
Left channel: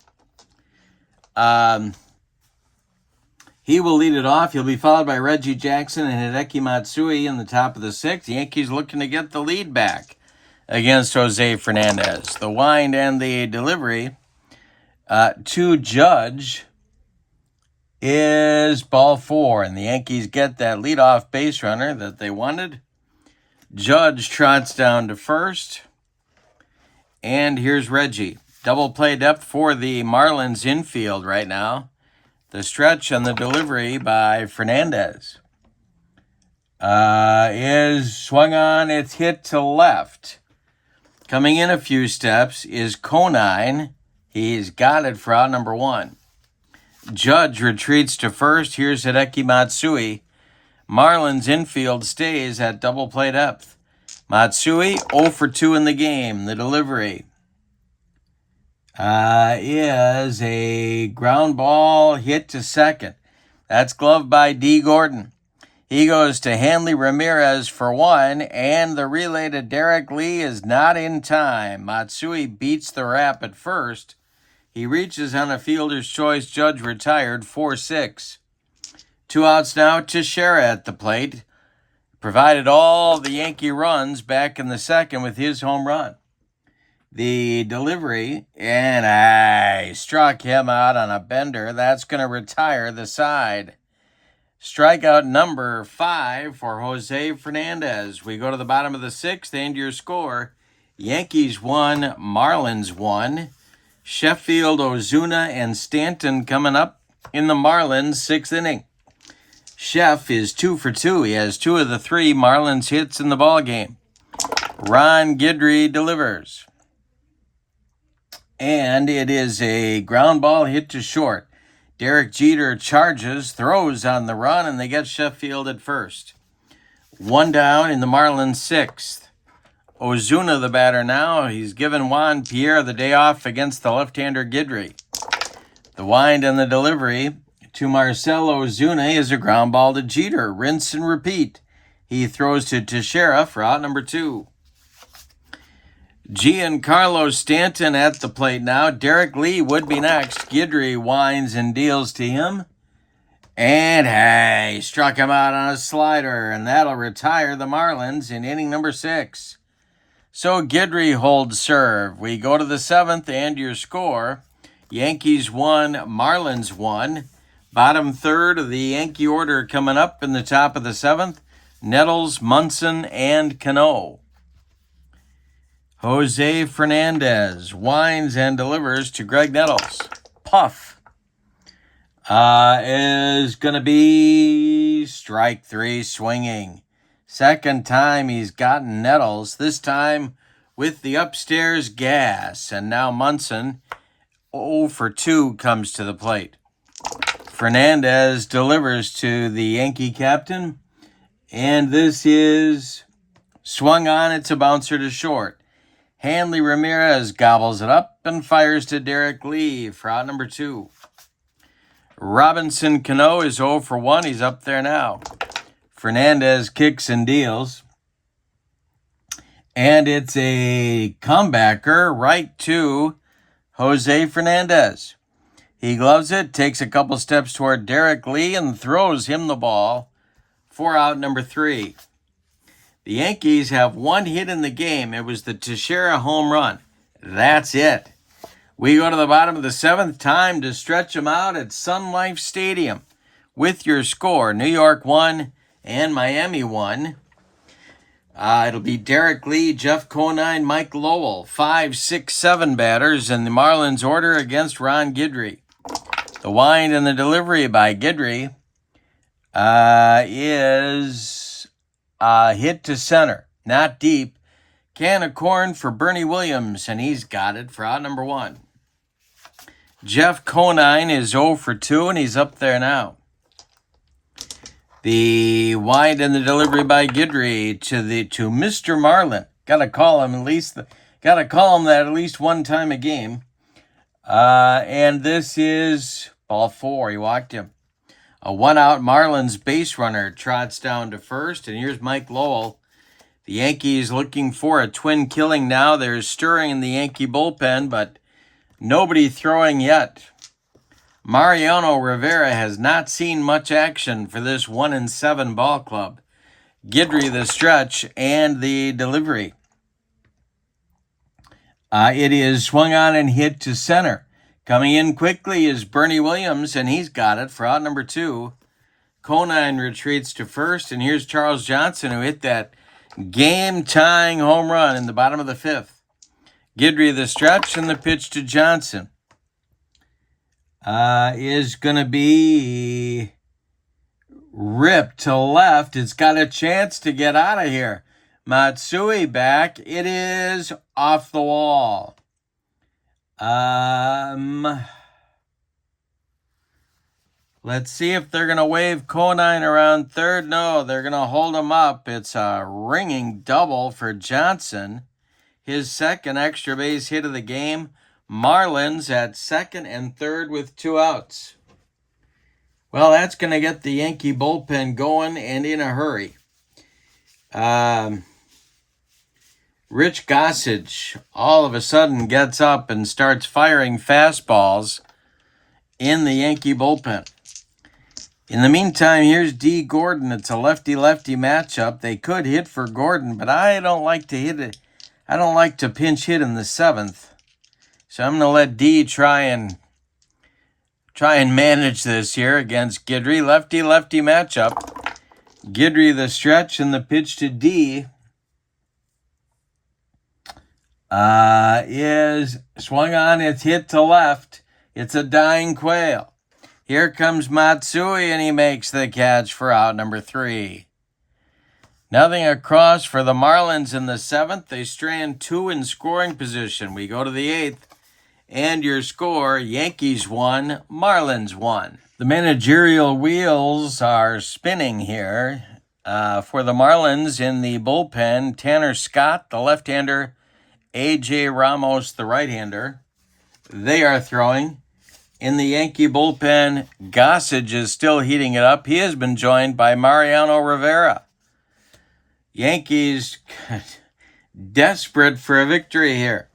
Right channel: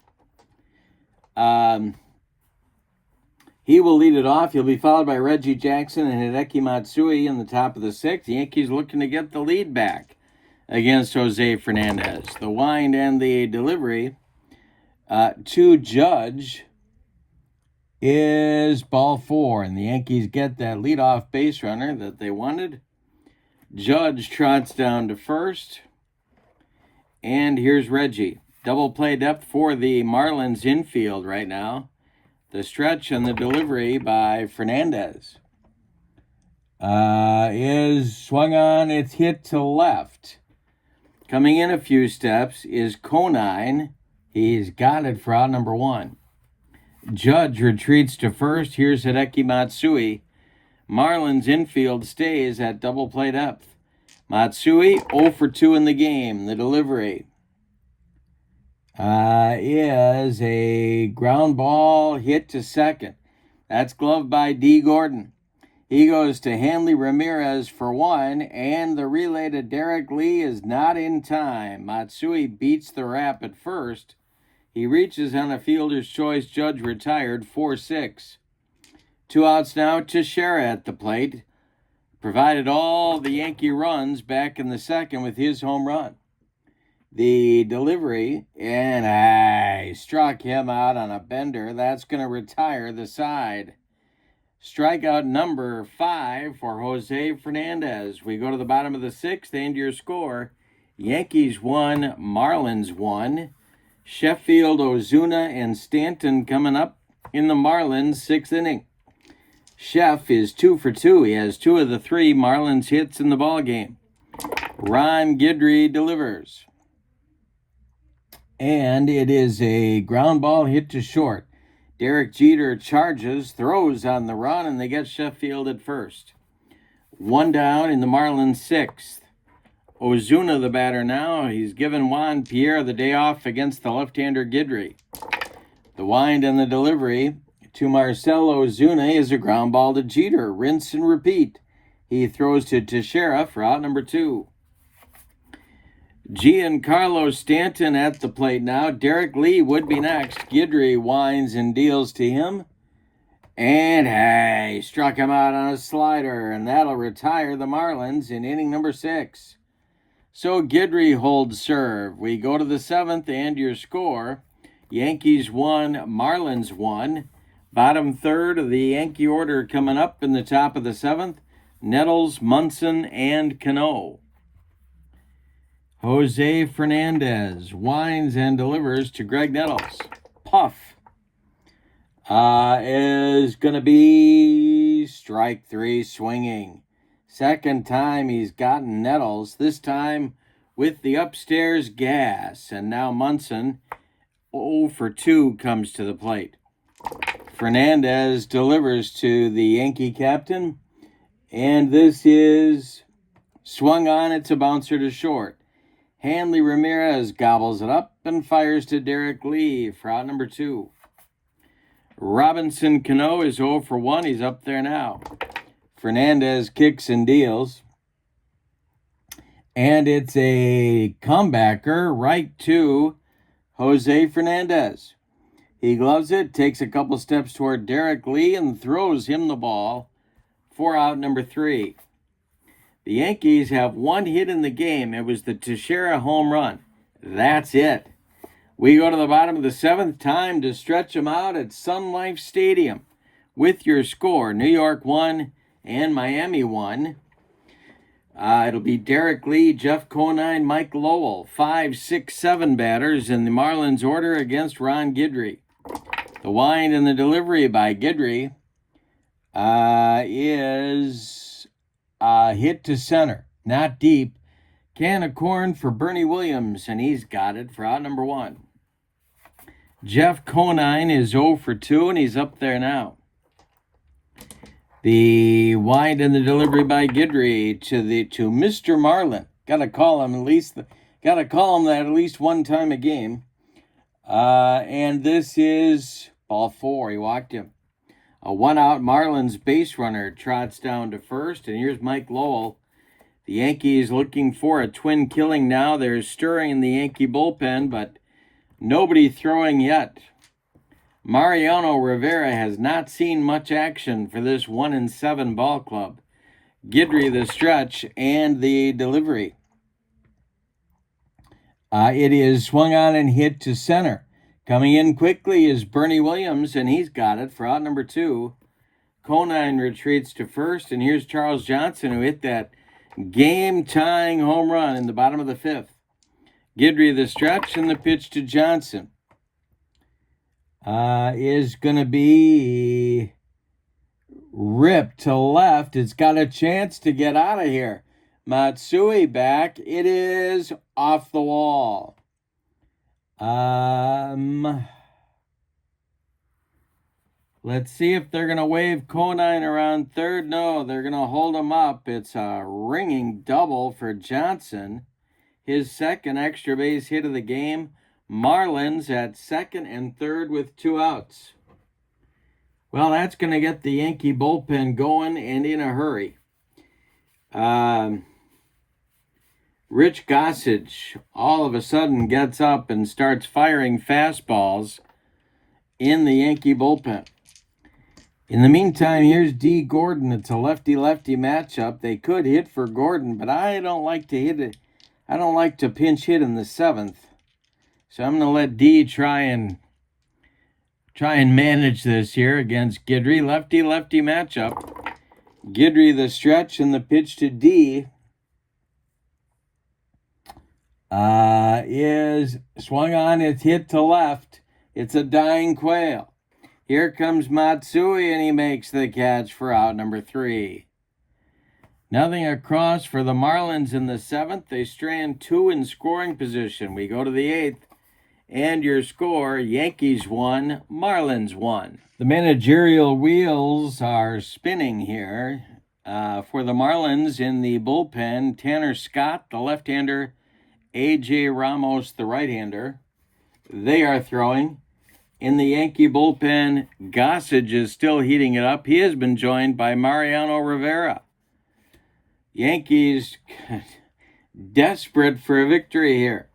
he will lead it off. He'll be followed by Reggie Jackson and Hideki Matsui in the top of the sixth. The Yankees looking to get the lead back against Jose Fernandez. The wind and the delivery to Judge is ball 4, and the Yankees get that leadoff base runner that they wanted. Judge trots down to first, and here's Reggie. Double play depth for the Marlins infield right now. The stretch and the delivery by Fernandez is swung on. It's hit to left. Coming in a few steps is Conine. He's got it for out number 1. Judge retreats to first. Here's Hideki Matsui. Marlins infield stays at double play depth. Matsui 0 for 2 in the game. The delivery is a ground ball hit to second. That's gloved by D. Gordon. He goes to Hanley Ramirez for 1, and the relay to Derek Lee is not in time. Matsui beats the wrap at first. He reaches on a fielder's choice. Judge retired 4-6. 2 outs now to Shera at the plate. provided all the Yankee runs back in the second with his home run. The delivery, and I struck him out on a bender. That's going to retire the side. Strikeout number 5 for Jose Fernandez. We go to the bottom of the 6th, and your score. Yankees 1, Marlins 1. Sheffield, Ozuna, and Stanton coming up in the Marlins 6th inning. Sheff is 2 for 2. He has 2 of the 3 Marlins hits in the ballgame. Ron Guidry delivers. And it is a ground ball hit to short. Derek Jeter charges, throws on the run, and they get Sheffield at first. 1 down in the Marlins 6th. Ozuna the batter now. He's given Juan Pierre the day off against the left-hander Guidry. The wind and the delivery to Marcell Ozuna is a ground ball to Jeter. Rinse and repeat. He throws to Teixeira for out number 2. Giancarlo Stanton at the plate now. Derek Lee would be next. Guidry winds and deals to him. And hey, struck him out on a slider, and that'll retire the Marlins in inning number 6. So Guidry holds serve. We go to the 7th, and your score. Yankees 1, Marlins 1. Bottom third of the Yankee order coming up in the top of the 7th. Nettles, Munson, and Cano. Jose Fernandez winds and delivers to Greg Nettles. Puff is going to be strike 3 swinging. Second time he's gotten Nettles, this time with the upstairs gas. And now Munson, 0 for 2, comes to the plate. Fernandez delivers to the Yankee captain. And this is swung on. It's a bouncer to short. Hanley Ramirez gobbles it up and fires to Derek Lee for out number 2. Robinson Cano is 0 for 1. He's up there now. Fernandez kicks and deals. And it's a comebacker right to Jose Fernandez. He gloves it, takes a couple steps toward Derek Lee, and throws him the ball for out number 3. The Yankees have 1 hit in the game. It was the Teixeira home run. That's it. We go to the bottom of the 7th. Time to stretch them out at Sun Life Stadium with your score. New York 1 and Miami 1. It'll be Derek Lee, Jeff Conine, Mike Lowell. 5, 6, 7 batters in the Marlins order against Ron Guidry. The wind and the delivery by Guidry is... hit to center, not deep. Can of corn for Bernie Williams, and he's got it for out number 1. Jeff Conine is 0 for 2, and he's up there now. The wind and the delivery by Guidry to Mr. Marlin. Gotta call him that at least one time a game. And this is ball 4. He walked him. A 1-out Marlins base runner trots down to first, and here's Mike Lowell. The Yankees looking for a twin killing now. They're stirring in the Yankee bullpen, but nobody throwing yet. Mariano Rivera has not seen much action for this 1-7 ball club. Guidry the stretch and the delivery. It is swung on and hit to center. Coming in quickly is Bernie Williams, and he's got it for out number 2. Conine retreats to first, and here's Charles Johnson, who hit that game-tying home run in the bottom of the 5th. Guidry the stretch, and the pitch to Johnson is going to be ripped to left. It's got a chance to get out of here. Matsui back. It is off the wall. Let's see if they're going to wave Conine around third. No, they're going to hold him up. It's a ringing double for Johnson. His second extra base hit of the game. Marlins at second and third with 2 outs. Well, that's going to get the Yankee bullpen going and in a hurry. Rich Gossage all of a sudden gets up and starts firing fastballs in the Yankee bullpen. In the meantime, here's D. Gordon. It's a lefty-lefty matchup. They could hit for Gordon, but I don't like to hit it. I don't like to pinch hit in the 7th. So I'm going to let D try and manage this here against Guidry. Lefty-lefty matchup. Guidry the stretch, and the pitch to D is swung on. It's hit to left. It's a dying quail. Here comes Matsui, and he makes the catch for out number 3. Nothing across for the Marlins in the 7th. They strand 2 in scoring position. We go to the 8th, and your score, Yankees 1, Marlins 1. The managerial wheels are spinning here. For the Marlins in the bullpen, Tanner Scott, the left-hander, A.J. Ramos, the right-hander. They are throwing. In the Yankee bullpen, Gossage is still heating it up. He has been joined by Mariano Rivera. Yankees desperate for a victory here.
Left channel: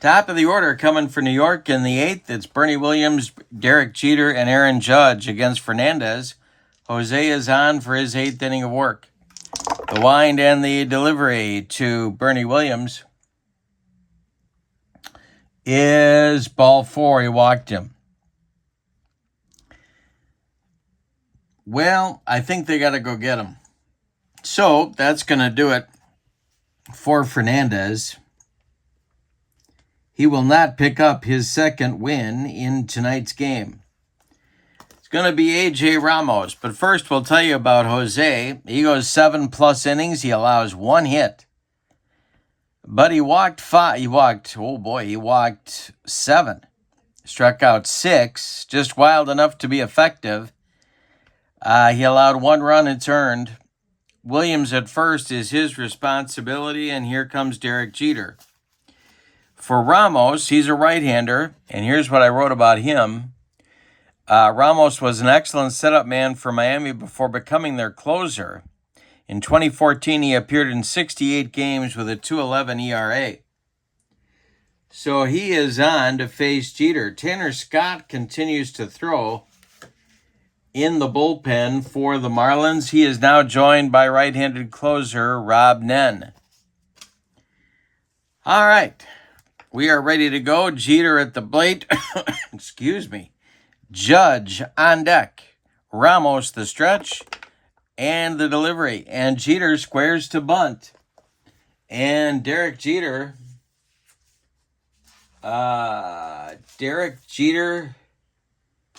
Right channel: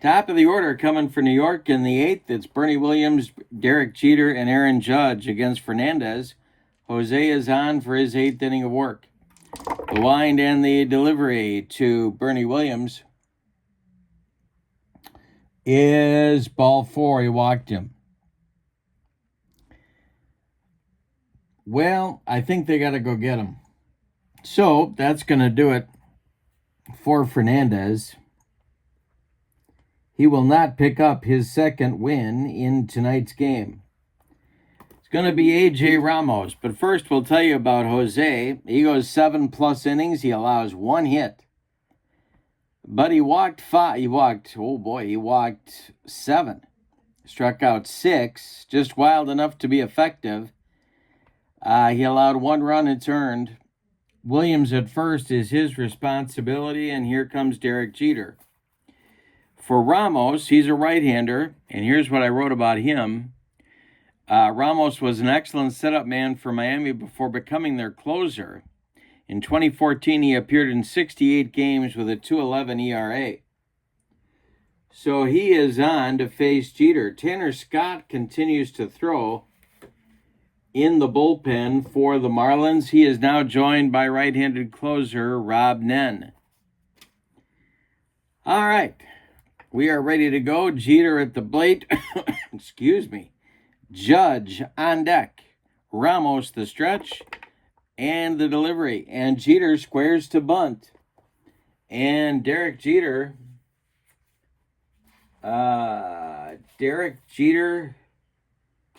Top of the order coming for New York in the 8th. It's Bernie Williams, Derek Jeter, and Aaron Judge against Fernandez. Jose is on for his 8th inning of work. The wind and the delivery to Bernie Williams is ball 4. He walked him. Well, I think they got to go get him. So that's going to do it for Fernandez. He will not pick up his 2nd win in tonight's game. It's going to be A.J. Ramos. But first, we'll tell you about Jose. He goes 7+ innings. He allows 1 hit. But he walked 5. He walked 7. Struck out 6. Just wild enough to be effective. He allowed 1 run. It's earned. Williams at first is his responsibility, and here comes Derek Jeter. For Ramos, he's a right-hander, and here's what I wrote about him. Ramos was an excellent setup man for Miami before becoming their closer. In 2014, he appeared in 68 games with a 2.11 ERA. So he is on to face Jeter. Tanner Scott continues to throw in the bullpen for the Marlins. He is now joined by right-handed closer Rob Nen. All right. We are ready to go. Jeter at the plate. Excuse me. Judge on deck. Ramos the stretch and the delivery. And Jeter squares to bunt. And Derek Jeter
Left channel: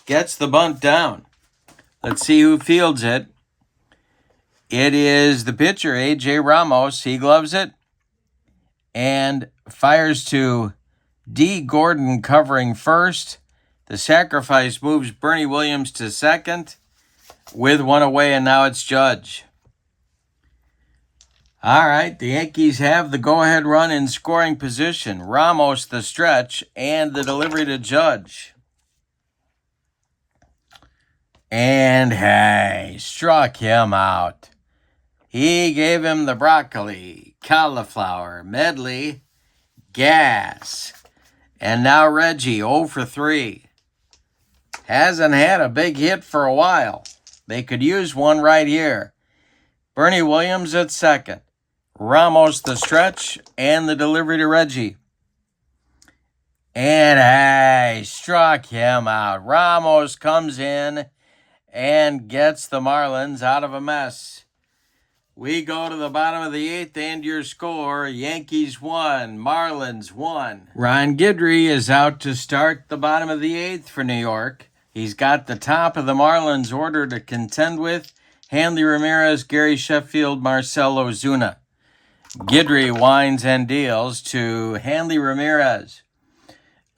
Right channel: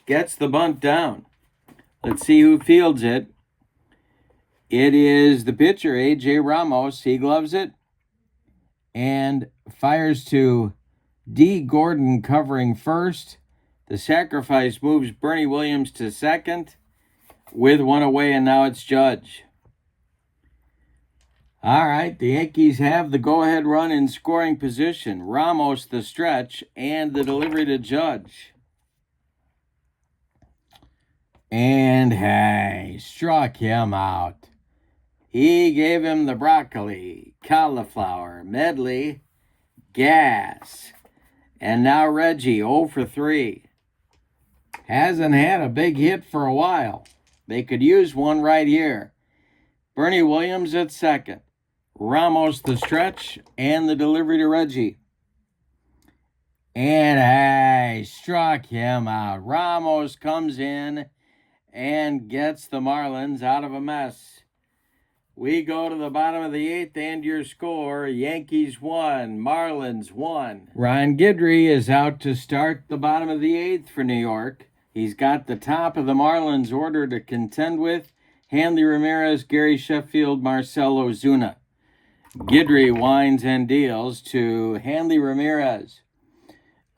gets the bunt down. Let's see who fields it. It is the pitcher, A.J. Ramos. He gloves it and fires to D. Gordon covering first. The sacrifice moves Bernie Williams to second with 1 away, and now it's Judge. All right, the Yankees have the go-ahead run in scoring position. Ramos the stretch and the delivery to Judge. And hey, struck him out. He gave him the broccoli, cauliflower, medley, gas. And now Reggie, 0 for 3. Hasn't had a big hit for a while. They could use one right here. Bernie Williams at second. Ramos the stretch and the delivery to Reggie. And hey, struck him out. Ramos comes in and gets the Marlins out of a mess. We go to the bottom of the 8th, and your score, Yankees 1, Marlins 1. Ron Guidry is out to start the bottom of the 8th for New York. He's got the top of the Marlins order to contend with. Hanley Ramirez, Gary Sheffield, Marcell Ozuna. Guidry winds and deals to Hanley Ramirez.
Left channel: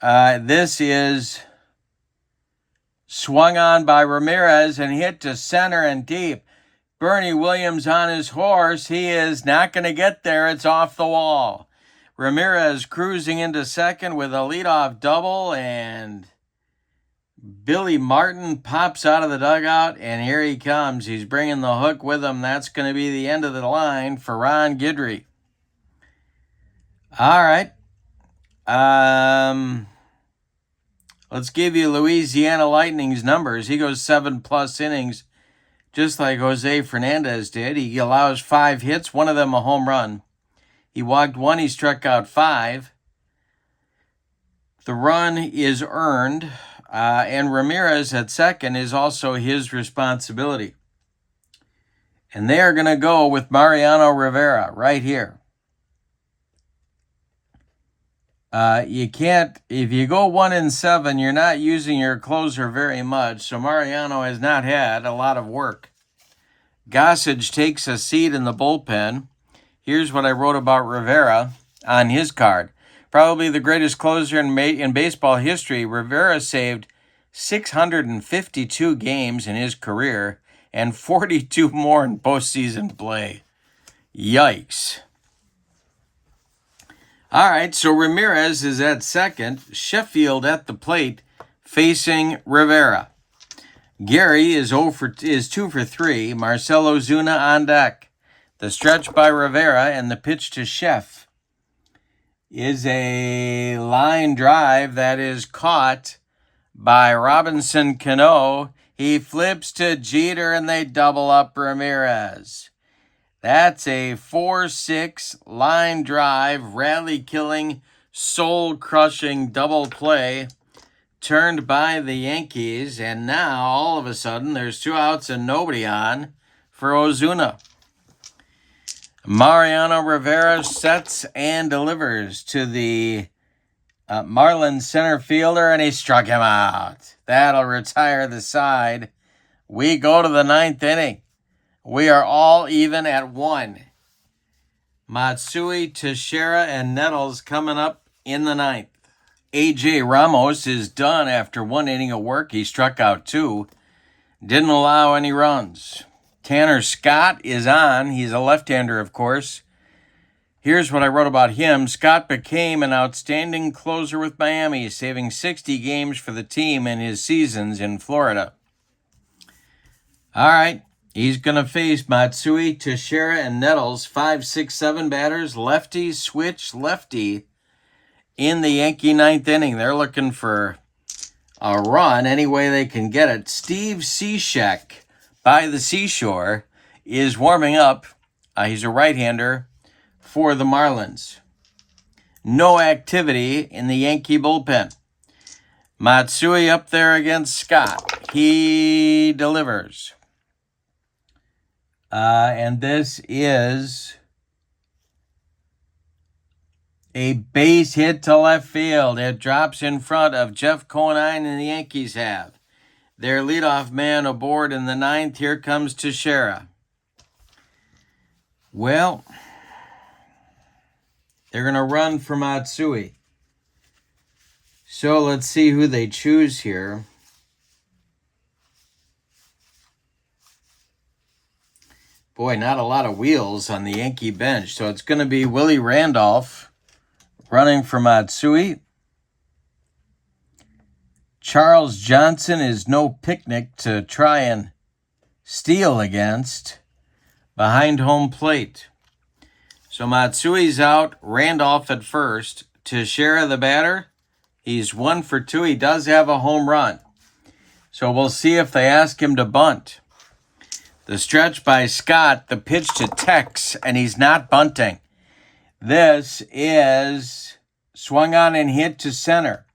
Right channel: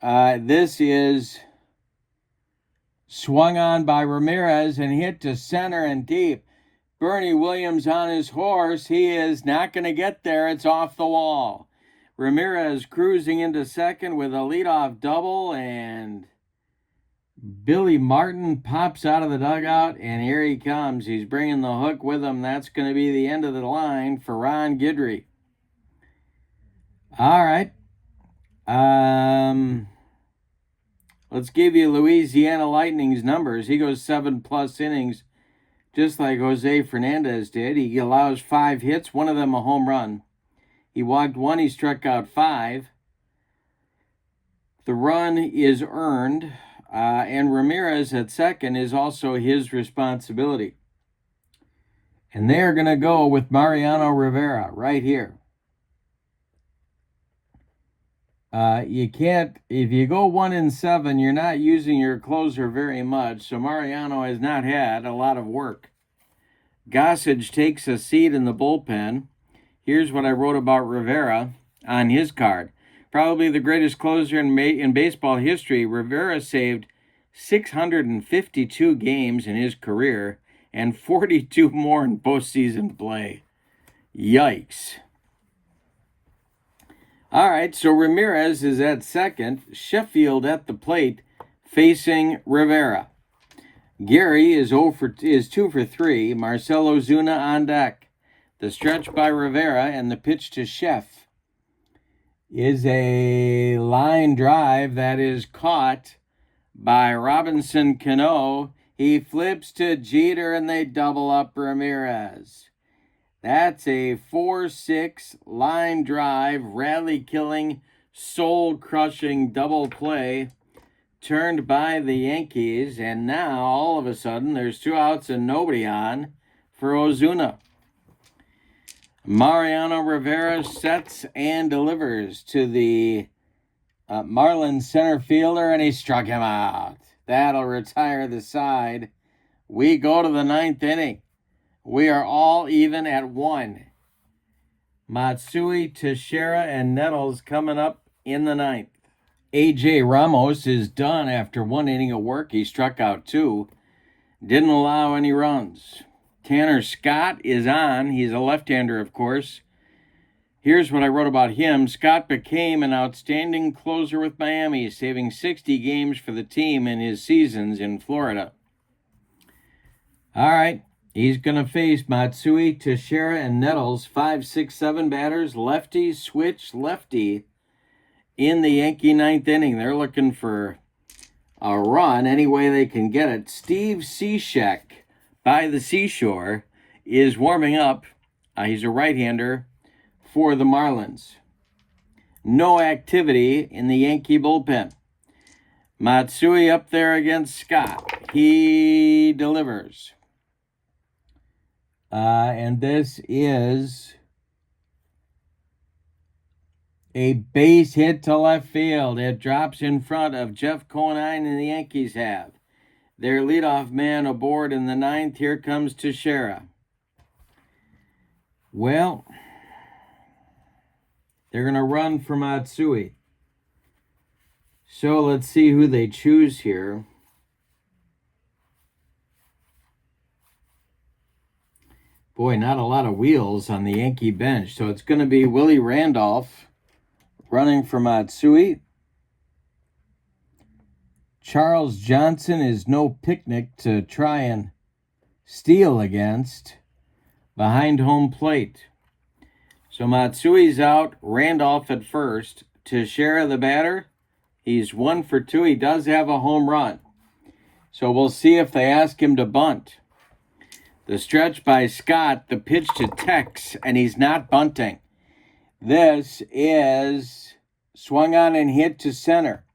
This is swung on by Ramirez and hit to center and deep. Bernie Williams on his horse. He is not going to get there. It's off the wall. Ramirez cruising into second with a leadoff double, and Billy Martin pops out of the dugout, and here he comes. He's bringing the hook with him. That's going to be the end of the line for Ron Guidry. All right. Let's give you Louisiana Lightning's numbers. He goes 7+ innings, just like Jose Fernandez did. He allows 5 hits, one of them a home run. He walked 1, he struck out 5. The run is earned, and Ramirez at second is also his responsibility. And they are going to go with Mariano Rivera right here. You can't, if you go 1-7, you're not using your closer very much. So Mariano has not had a lot of work. Gossage takes a seat in the bullpen. Here's what I wrote about Rivera on his card. Probably the greatest closer in baseball history. Rivera saved 652 games in his career and 42 more in postseason play. Yikes. All right, so Ramirez is at second. Sheffield at the plate facing Rivera. Gary is 2 for 3. Marcell Ozuna on deck. The stretch by Rivera and the pitch to Sheff is a line drive that is caught by Robinson Cano. He flips to Jeter and they double up Ramirez. That's a 4-6 line drive, rally-killing, soul-crushing double play turned by the Yankees. And now, all of a sudden, there's 2 outs and nobody on for Ozuna. Mariano Rivera sets and delivers to the Marlins center fielder, and he struck him out. That'll retire the side. We go to the 9th inning. We are all even at 1. Matsui, Teixeira, and Nettles coming up in the 9th. A.J. Ramos is done after 1 inning of work. He struck out 2. Didn't allow any runs. Tanner Scott is on. He's a left-hander, of course. Here's what I wrote about him. Scott became an outstanding closer with Miami, saving 60 games for the team in his seasons in Florida. All right. He's going to face Matsui, Teixeira, and Nettles, 5, 6, 7 batters, lefty, switch, lefty, in the Yankee 9th inning. They're looking for a run any way they can get it. Steve Cishek, by the seashore, is warming up. He's a right-hander for the Marlins. No activity in the Yankee bullpen. Matsui up there against Scott. He delivers. And this is a base hit to left field. It drops in front of Jeff Conine, and the Yankees have their leadoff man aboard in the 9th. Here comes Teixeira. Well, they're going to run for Matsui. So let's see who they choose here. Boy, not a lot of wheels on the Yankee bench. So it's going to be Willie Randolph running for Matsui. Charles Johnson is no picnic to try and steal against behind home plate. So Matsui's out, Randolph at first. Teixeira the batter. He's 1 for 2. He does have a home run. So we'll see if they ask him to bunt. The stretch by Scott, the pitch to Tex, and he's not bunting. This is swung on and hit to center.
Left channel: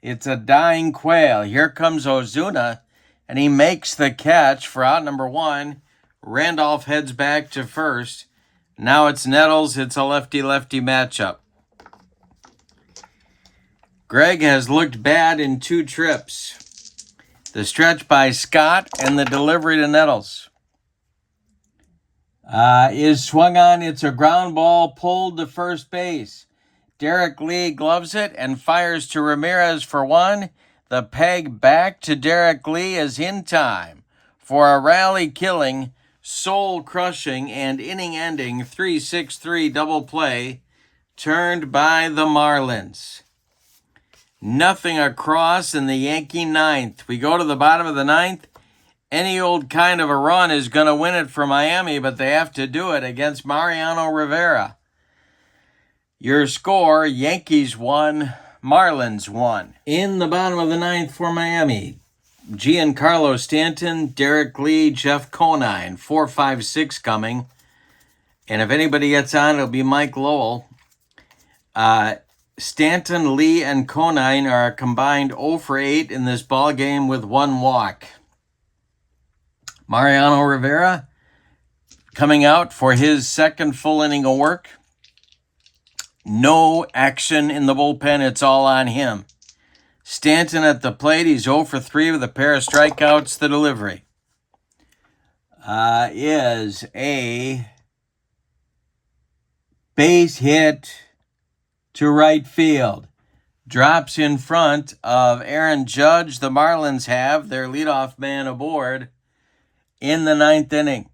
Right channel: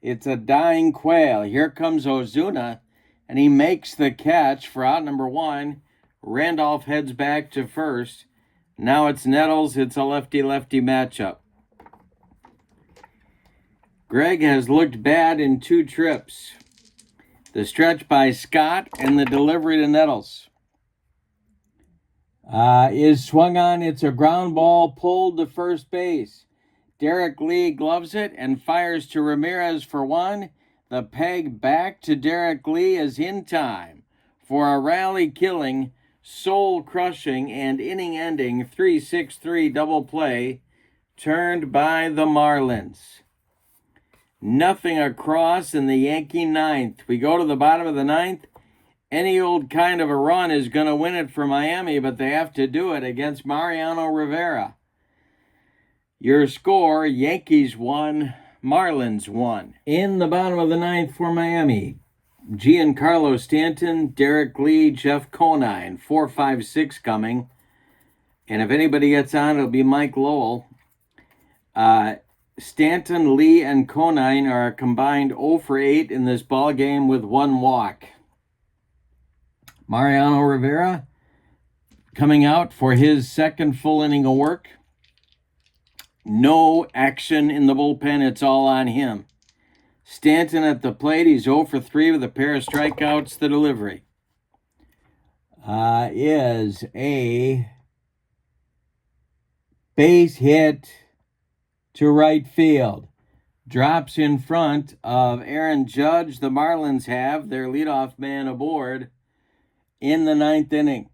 It's a dying quail. Here comes Ozuna, and he makes the catch for out number 1. Randolph heads back to first. Now it's Nettles. It's a lefty-lefty matchup. Greg has looked bad in 2 trips. The stretch by Scott and the delivery to Nettles. Is swung on. It's a ground ball pulled to first base. Derek Lee gloves it and fires to Ramirez for 1. The peg back to Derek Lee is in time for a rally-killing, soul-crushing, and inning-ending 3-6-3 double play turned by the Marlins. Nothing across in the Yankee 9th. We go to the bottom of the 9th. Any old kind of a run is going to win it for Miami, but they have to do it against Mariano Rivera. Your score, Yankees 1, Marlins 1. In the bottom of the 9th for Miami, Giancarlo Stanton, Derek Lee, Jeff Conine, 4, 5, 6 coming. And if anybody gets on, it'll be Mike Lowell. Stanton, Lee, and Conine are combined 0 for 8 in this ball game with 1 walk. Mariano Rivera coming out for his second full inning of work. No action in the bullpen. It's all on him. Stanton at the plate. He's 0 for 3 with a pair of strikeouts. The delivery is a base hit to right field. Drops in front of Aaron Judge. The Marlins have their leadoff man aboard in the 9th inning.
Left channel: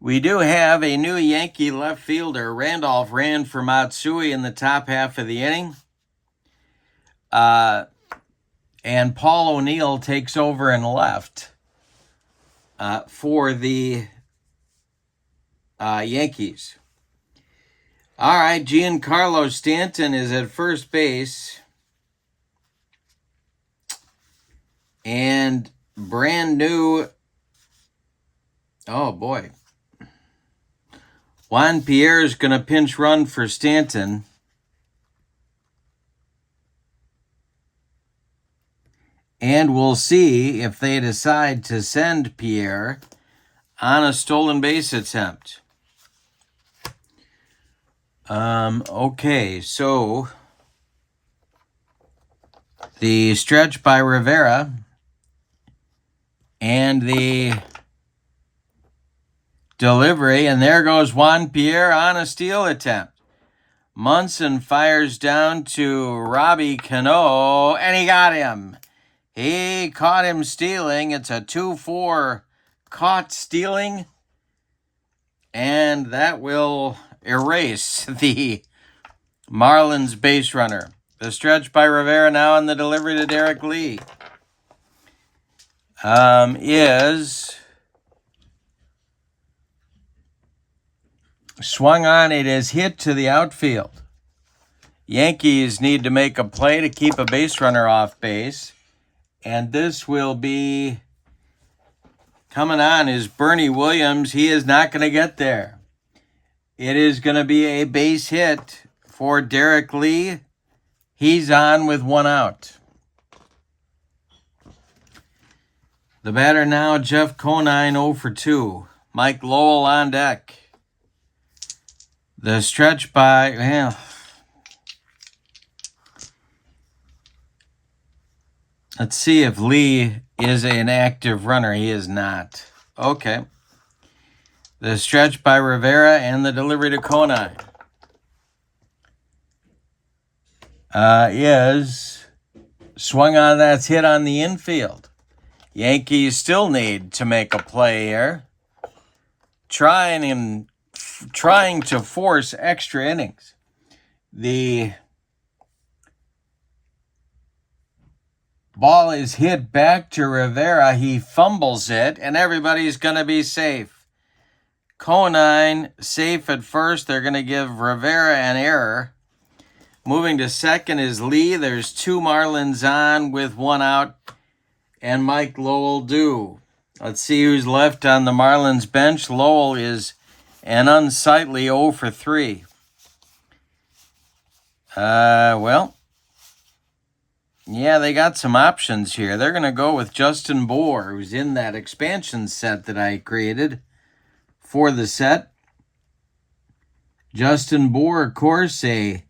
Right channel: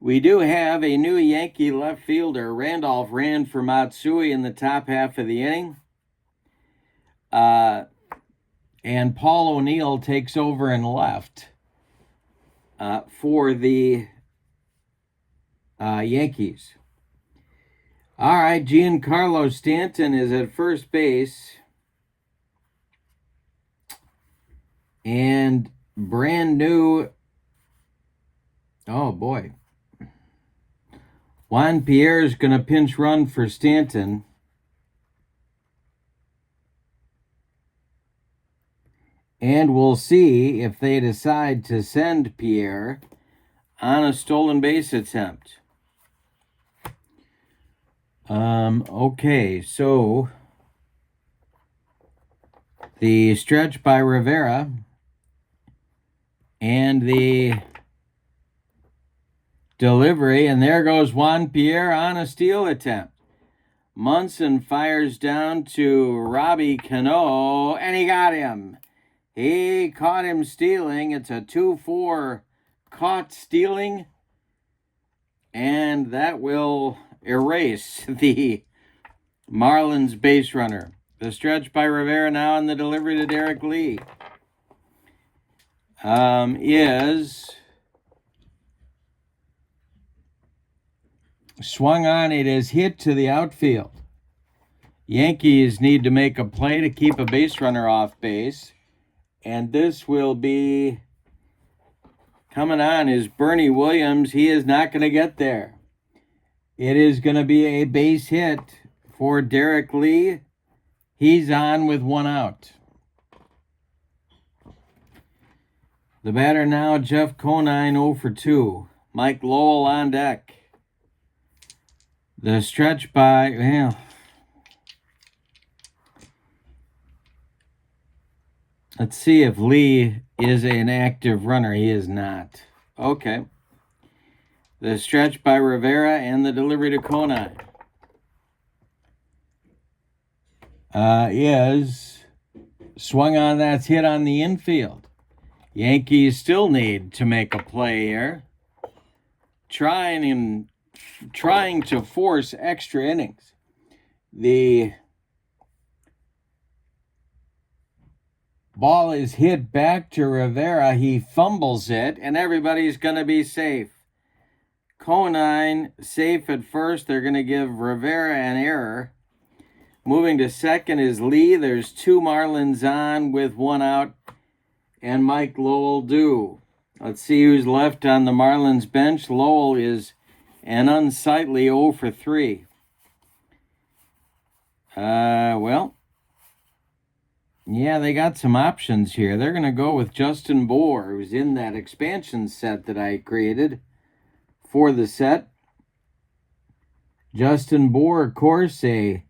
We do have a new Yankee left fielder. Randolph ran for Matsui in the top half of the inning. And Paul O'Neill takes over in left for the Yankees. All right, Giancarlo Stanton is at first base. And brand new, oh boy, Juan Pierre is going to pinch run for Stanton. And we'll see if they decide to send Pierre on a stolen base attempt. Okay, so the stretch by Rivera and the delivery, and there goes Juan Pierre on a steal attempt. Munson fires down to Robbie Cano, and he got him. He caught him stealing. It's a 2-4 caught stealing, and that will erase the Marlins base runner. The stretch by Rivera now, and the delivery to Derek Lee is swung on. It is hit to the outfield. Yankees need to make a play to keep a base runner off base. And this will be coming on is Bernie Williams. He is not going to get there. It is going to be a base hit for Derek Lee. He's on with 1 out. The batter now, Jeff Conine, 0 for 2. Mike Lowell on deck. The stretch by, well, let's see if Lee is an active runner. He is not. Okay. The stretch by Rivera and the delivery to Conine is swung on. That's hit on the infield. Yankees still need to make a play here. Trying to force extra innings. The ball is hit back to Rivera. He fumbles it, and everybody's going to be safe. Conine safe at first. They're going to give Rivera an error. Moving to second is Lee. There's 2 Marlins on with 1 out, and Mike Lowell due. Let's see who's left on the Marlins bench. Lowell is an unsightly 0 for 3. Well, yeah, they got some options here. They're going to go with Justin Bohr, who's in that expansion set that I created for the set. Justin Bohr, of course, a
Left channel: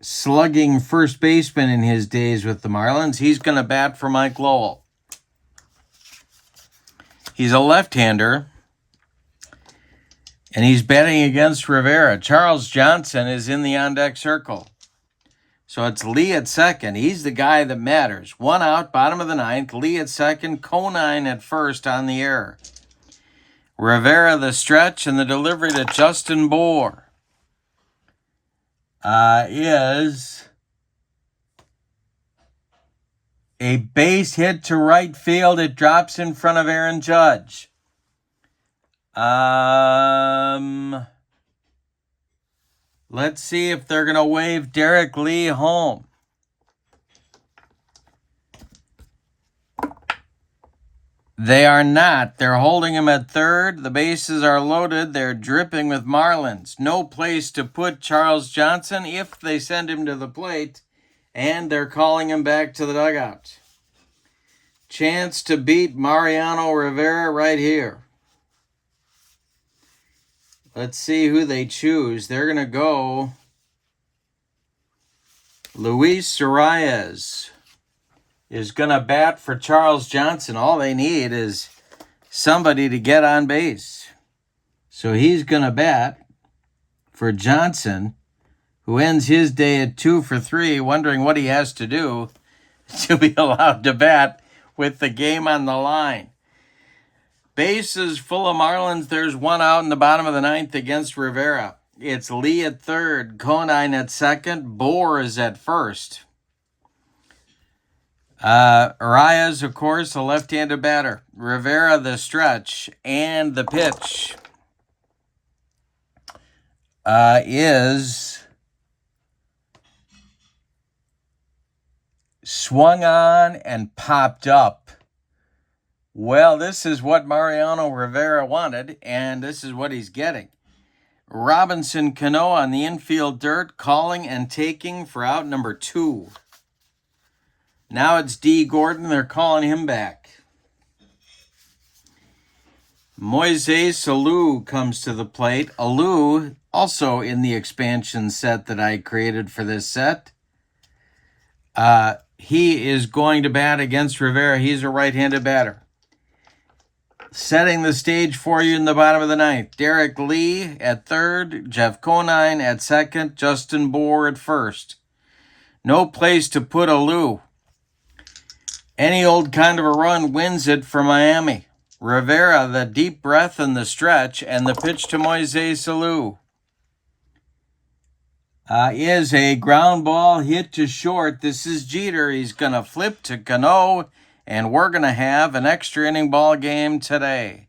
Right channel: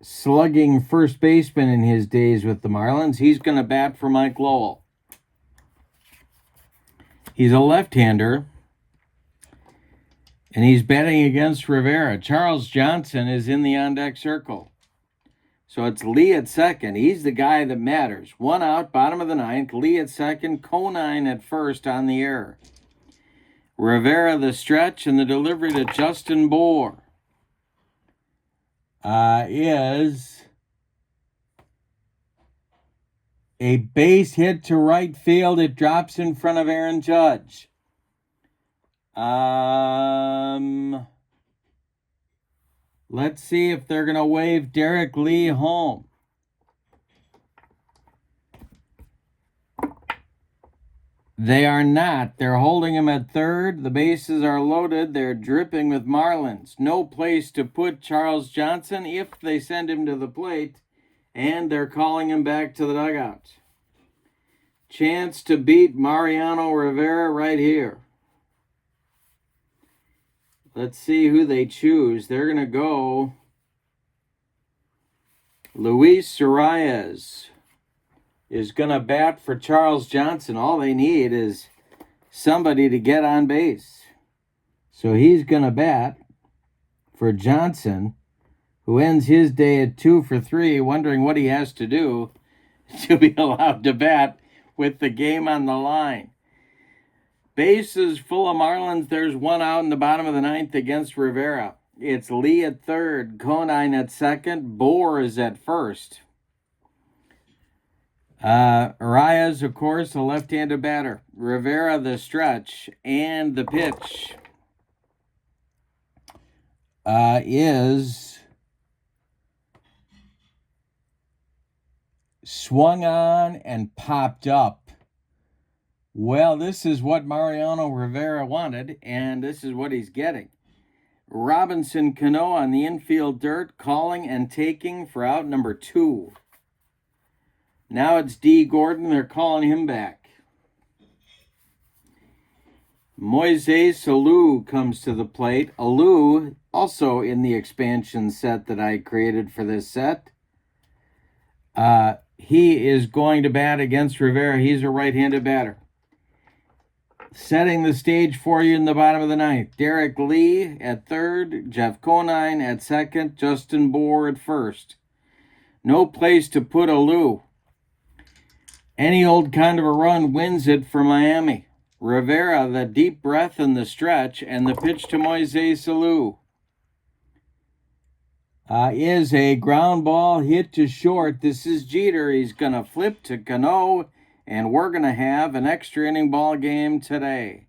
slugging first baseman in his days with the Marlins. He's going to bat for Mike Lowell. He's a left-hander, and he's batting against Rivera. Charles Johnson is in the on-deck circle. So it's Lee at second. He's the guy that matters. 1 out, bottom of the 9th. Lee at second, Conine at first on the error. Rivera the stretch, and the delivery to Justin Bohr is a base hit to right field. It drops in front of Aaron Judge. Let's see if they're going to wave Derek Lee home. They are not. They're holding him at third. The bases are loaded. They're dripping with Marlins. No place to put Charles Johnson if they send him to the plate, and they're calling him back to the dugout. Chance to beat Mariano Rivera right here. Let's see who they choose. They're going to go Luis Arias is going to bat for Charles Johnson. All they need is somebody to get on base. So he's going to bat for Johnson, who ends his day at 2 for 3, wondering what he has to do to be allowed to bat with the game on the line. Bases full of Marlins. There's one out in the bottom of the ninth against Rivera. It's Lee at third, Conine at second, Bohr is at first. Arias, of course, a left-handed batter. Rivera, the stretch, and the pitch is swung on and popped up. Well, this is what Mariano Rivera wanted, and this is what he's getting. Robinson Cano on the infield dirt, calling and taking for out number 2. Now it's D. Gordon. They're calling him back. Moises Alou comes to the plate. Alou, also in the expansion set that I created for this set. He is going to bat against Rivera. He's a right-handed batter. Setting the stage for you in the bottom of the ninth. Derek Lee at third. Jeff Conine at second. Justin Bohr at first. No place to put Alou. Any old kind of a run wins it for Miami. Rivera, the deep breath and the stretch, and the pitch to Moises Alou is a ground ball hit to short. This is Jeter. He's going to flip to Cano, and we're going to have an extra inning ball game today.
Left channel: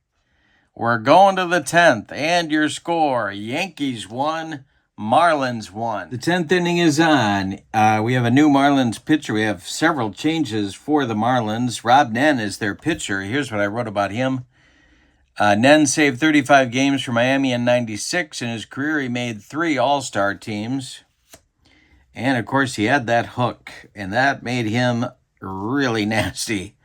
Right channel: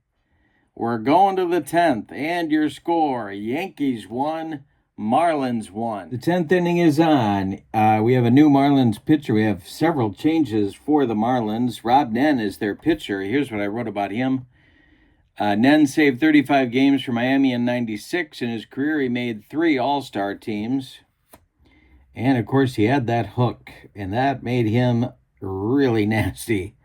We're going to the 10th, and your score, Yankees 1, Marlins 1. The 10th inning is on. We have a new Marlins pitcher. We have several changes for the Marlins. Rob Nen is their pitcher. Here's what I wrote about him. Nen saved 35 games for Miami in '96. In his career, he made 3 All-Star teams. And, of course, he had that hook, and that made him really nasty.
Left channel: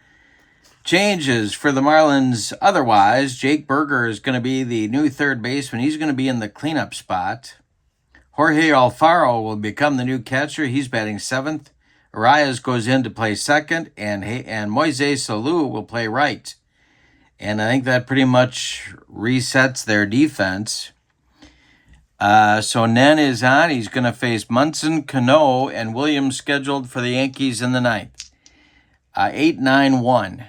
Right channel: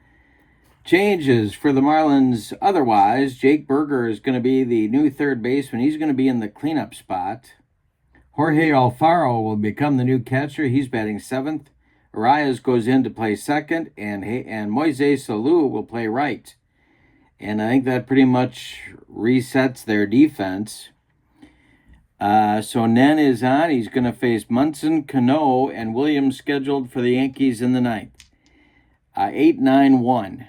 Changes for the Marlins otherwise. Jake Berger is going to be the new third baseman. He's going to be in the cleanup spot. Jorge Alfaro will become the new catcher. He's batting 7th. Arias goes in to play second, and Moises Alou will play right. And I think that pretty much resets their defense. So Nen is on. He's going to face Munson, Cano, and Williams scheduled for the Yankees in the ninth. 8-9-1.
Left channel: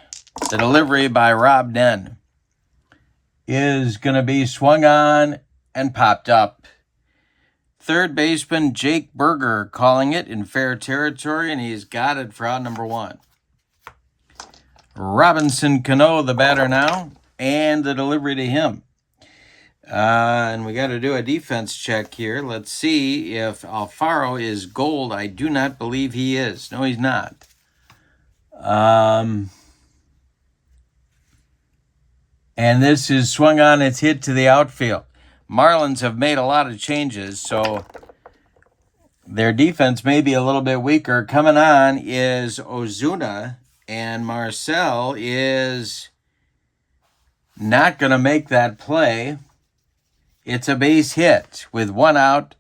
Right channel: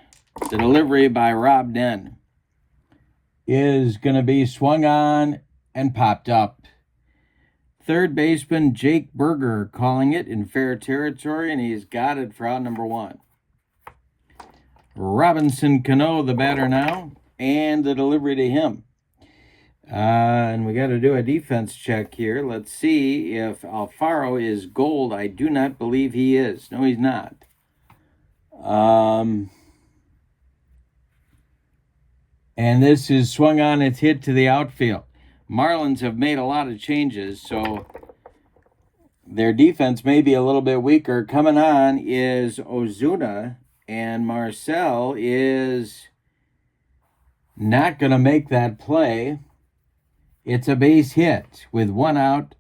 The delivery by Rob Nen is going to be swung on and popped up. Third baseman Jake Berger calling it in fair territory, and he's got it for out number 1. Robinson Cano, the batter now, and the delivery to him. And we got to do a defense check here. Let's see if Alfaro is gold. I do not believe he is. No, he's not. And this is swung on. It's hit to the outfield. Marlins have made a lot of changes, so their defense may be a little bit weaker. Coming on is Ozuna, and Marcel is not going to make that play. It's a base hit with 1 out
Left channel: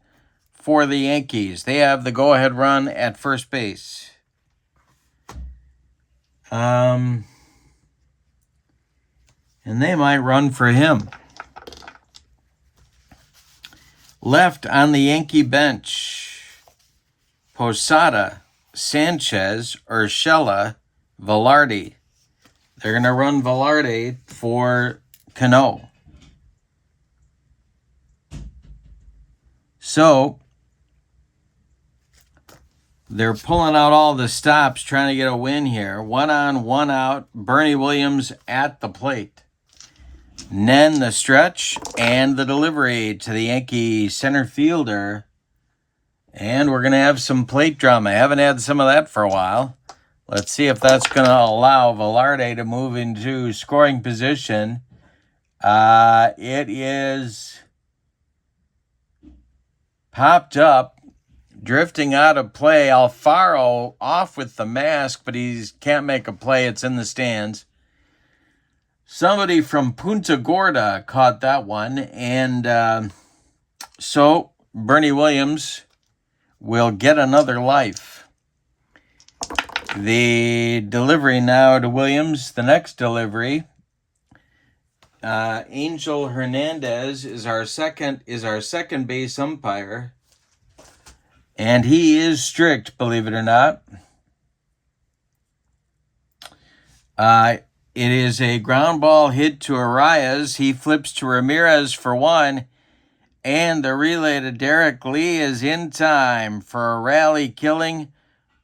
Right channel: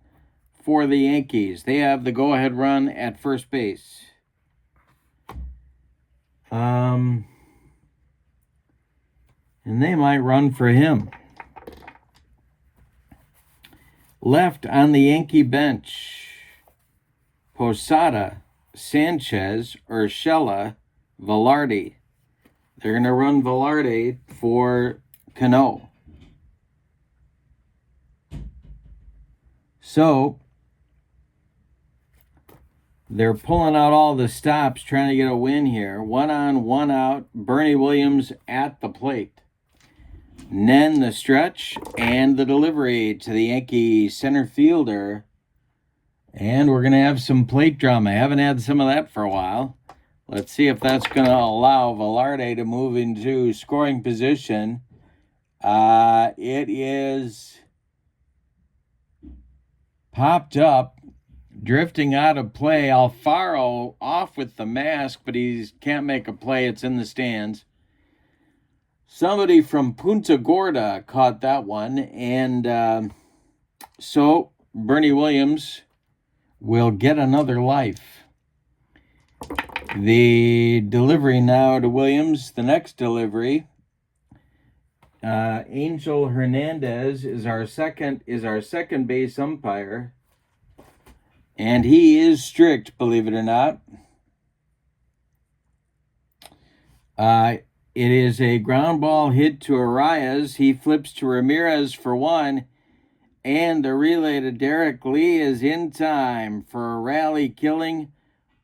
for the Yankees. They have the go-ahead run at first base. And they might run for him. Left on the Yankee bench, Posada, Sanchez, Urshela, Velarde. They're going to run Velarde for Cano. So they're pulling out all the stops, trying to get a win here. 1 on, 1 out. Bernie Williams at the plate. Nen the stretch and the delivery to the Yankee center fielder. And we're going to have some plate drama. I haven't had some of that for a while. Let's see if that's going to allow Velarde to move into scoring position. It is popped up, drifting out of play. Alfaro off with the mask, but he can't make a play. It's in the stands. Somebody from Punta Gorda caught that one, and so Bernie Williams will get another life. The delivery now to Williams. The next delivery, Angel Hernandez is our second base umpire, and he is strict, believe it or not. It is a ground ball hit to Arias. He flips to Ramirez for one, and the relay to Derek Lee is in time for a rally-killing,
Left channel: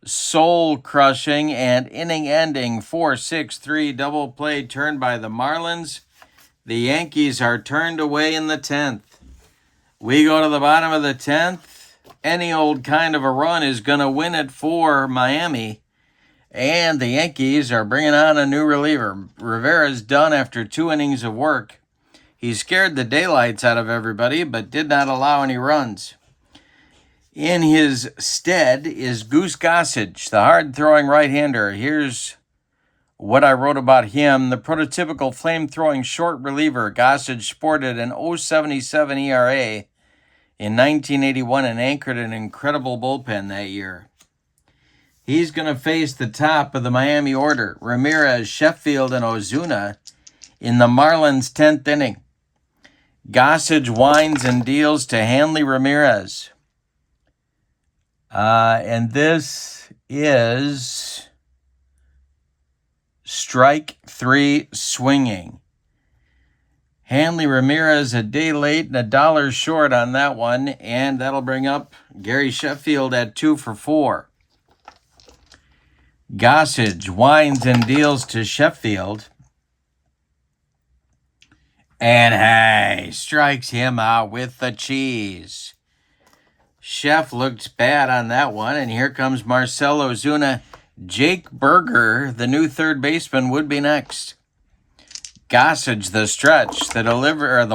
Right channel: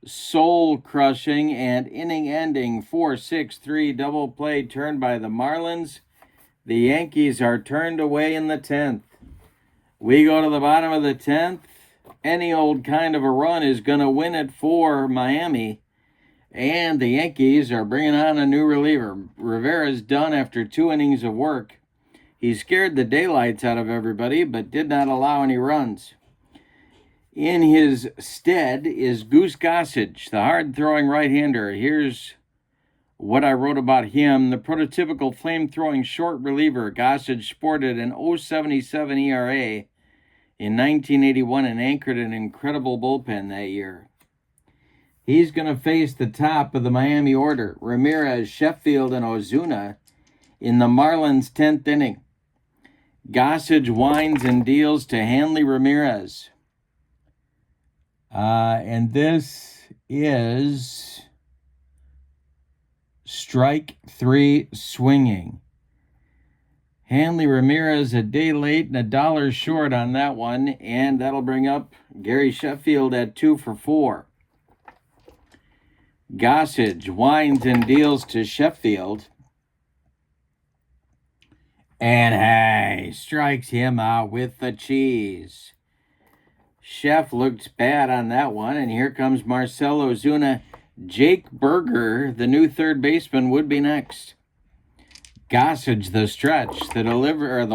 soul-crushing, and inning-ending 4-6-3 double play turned by the Marlins. The Yankees are turned away in the 10th. We go to the bottom of the 10th. Any old kind of a run is going to win it for Miami. And the Yankees are bringing on a new reliever. Rivera's done after 2 innings of work. He scared the daylights out of everybody, but did not allow any runs. In his stead is Goose Gossage, the hard-throwing right-hander. Here's what I wrote about him. The prototypical flame-throwing short reliever, Gossage sported an .077 ERA in 1981 and anchored an incredible bullpen that year. He's going to face the top of the Miami order, Ramirez, Sheffield, and Ozuna, in the Marlins' 10th inning. Gossage winds and deals to Hanley Ramirez. And this is strike 3 swinging. Hanley Ramirez a day late and $1 short on that one, and that'll bring up Gary Sheffield at 2 for 4. Gossage winds and deals to Sheffield. And hey, strikes him out with the cheese. Chef looked bad on that one, and here comes Marcell Ozuna. Jake Berger, the new third baseman, would be next. Gossage, the stretch, the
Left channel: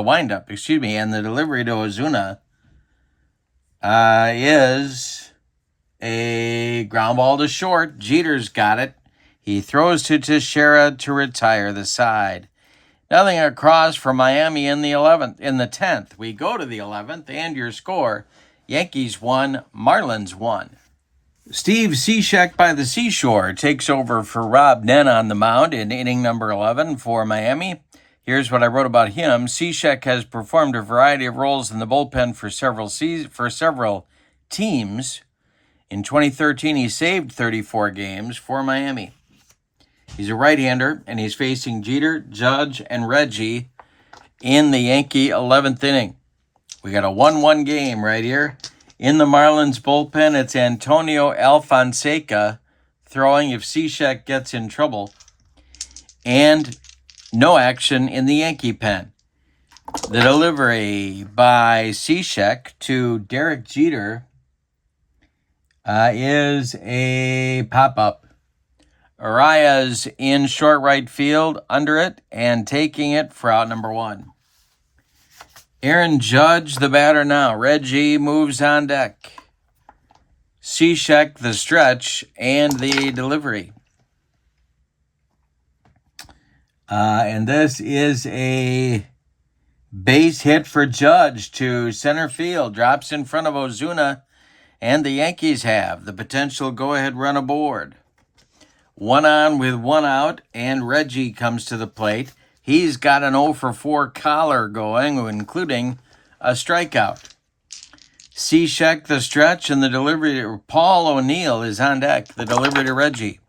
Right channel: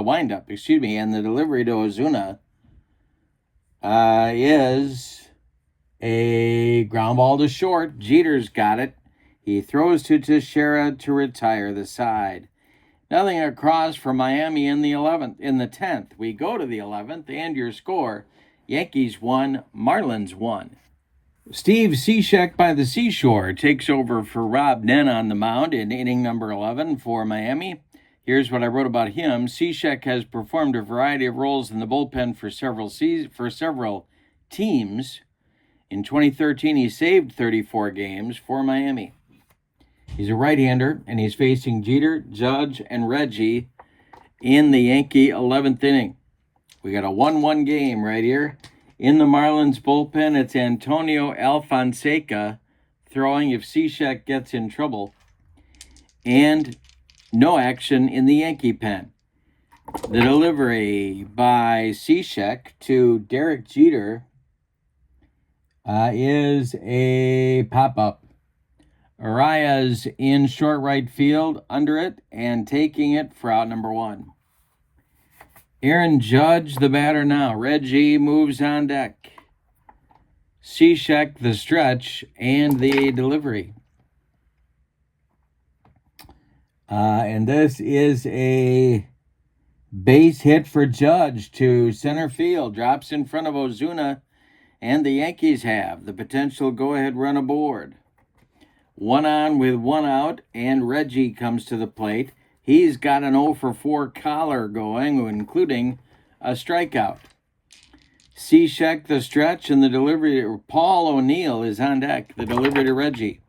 windup, and the delivery to Ozuna is a ground ball to short. Jeter's got it. He throws to Teixeira to retire the side. Nothing across for Miami in the 10th. We go to the 11th, and your score: Yankees 1, Marlins 1. Steve Cishek by the Seashore takes over for Rob Nen on the mound in inning number 11 for Miami. Here's what I wrote about him. Cishek has performed a variety of roles in the bullpen for several teams. In 2013, he saved 34 games for Miami. He's a right-hander, and he's facing Jeter, Judge, and Reggie in the Yankee 11th inning. We got a 1-1 game right here. In the Marlins bullpen, it's Antonio Alfonseca throwing if Cishek gets in trouble. And no action in the Yankee pen. The delivery by Cishek to Derek Jeter is a pop-up. Arias in short right field under it and taking it for out number 1. Aaron Judge, the batter now. Reggie moves on deck. Cishek, the stretch, and the delivery. And this is a base hit for Judge to center field. Drops in front of Ozuna, and the Yankees have the potential go-ahead run aboard. 1 on with 1 out, and Reggie comes to the plate. He's got an 0 for 4 collar going, including a strikeout. Cishek, the stretch, and the delivery. Paul O'Neill is on deck. The delivery to Reggie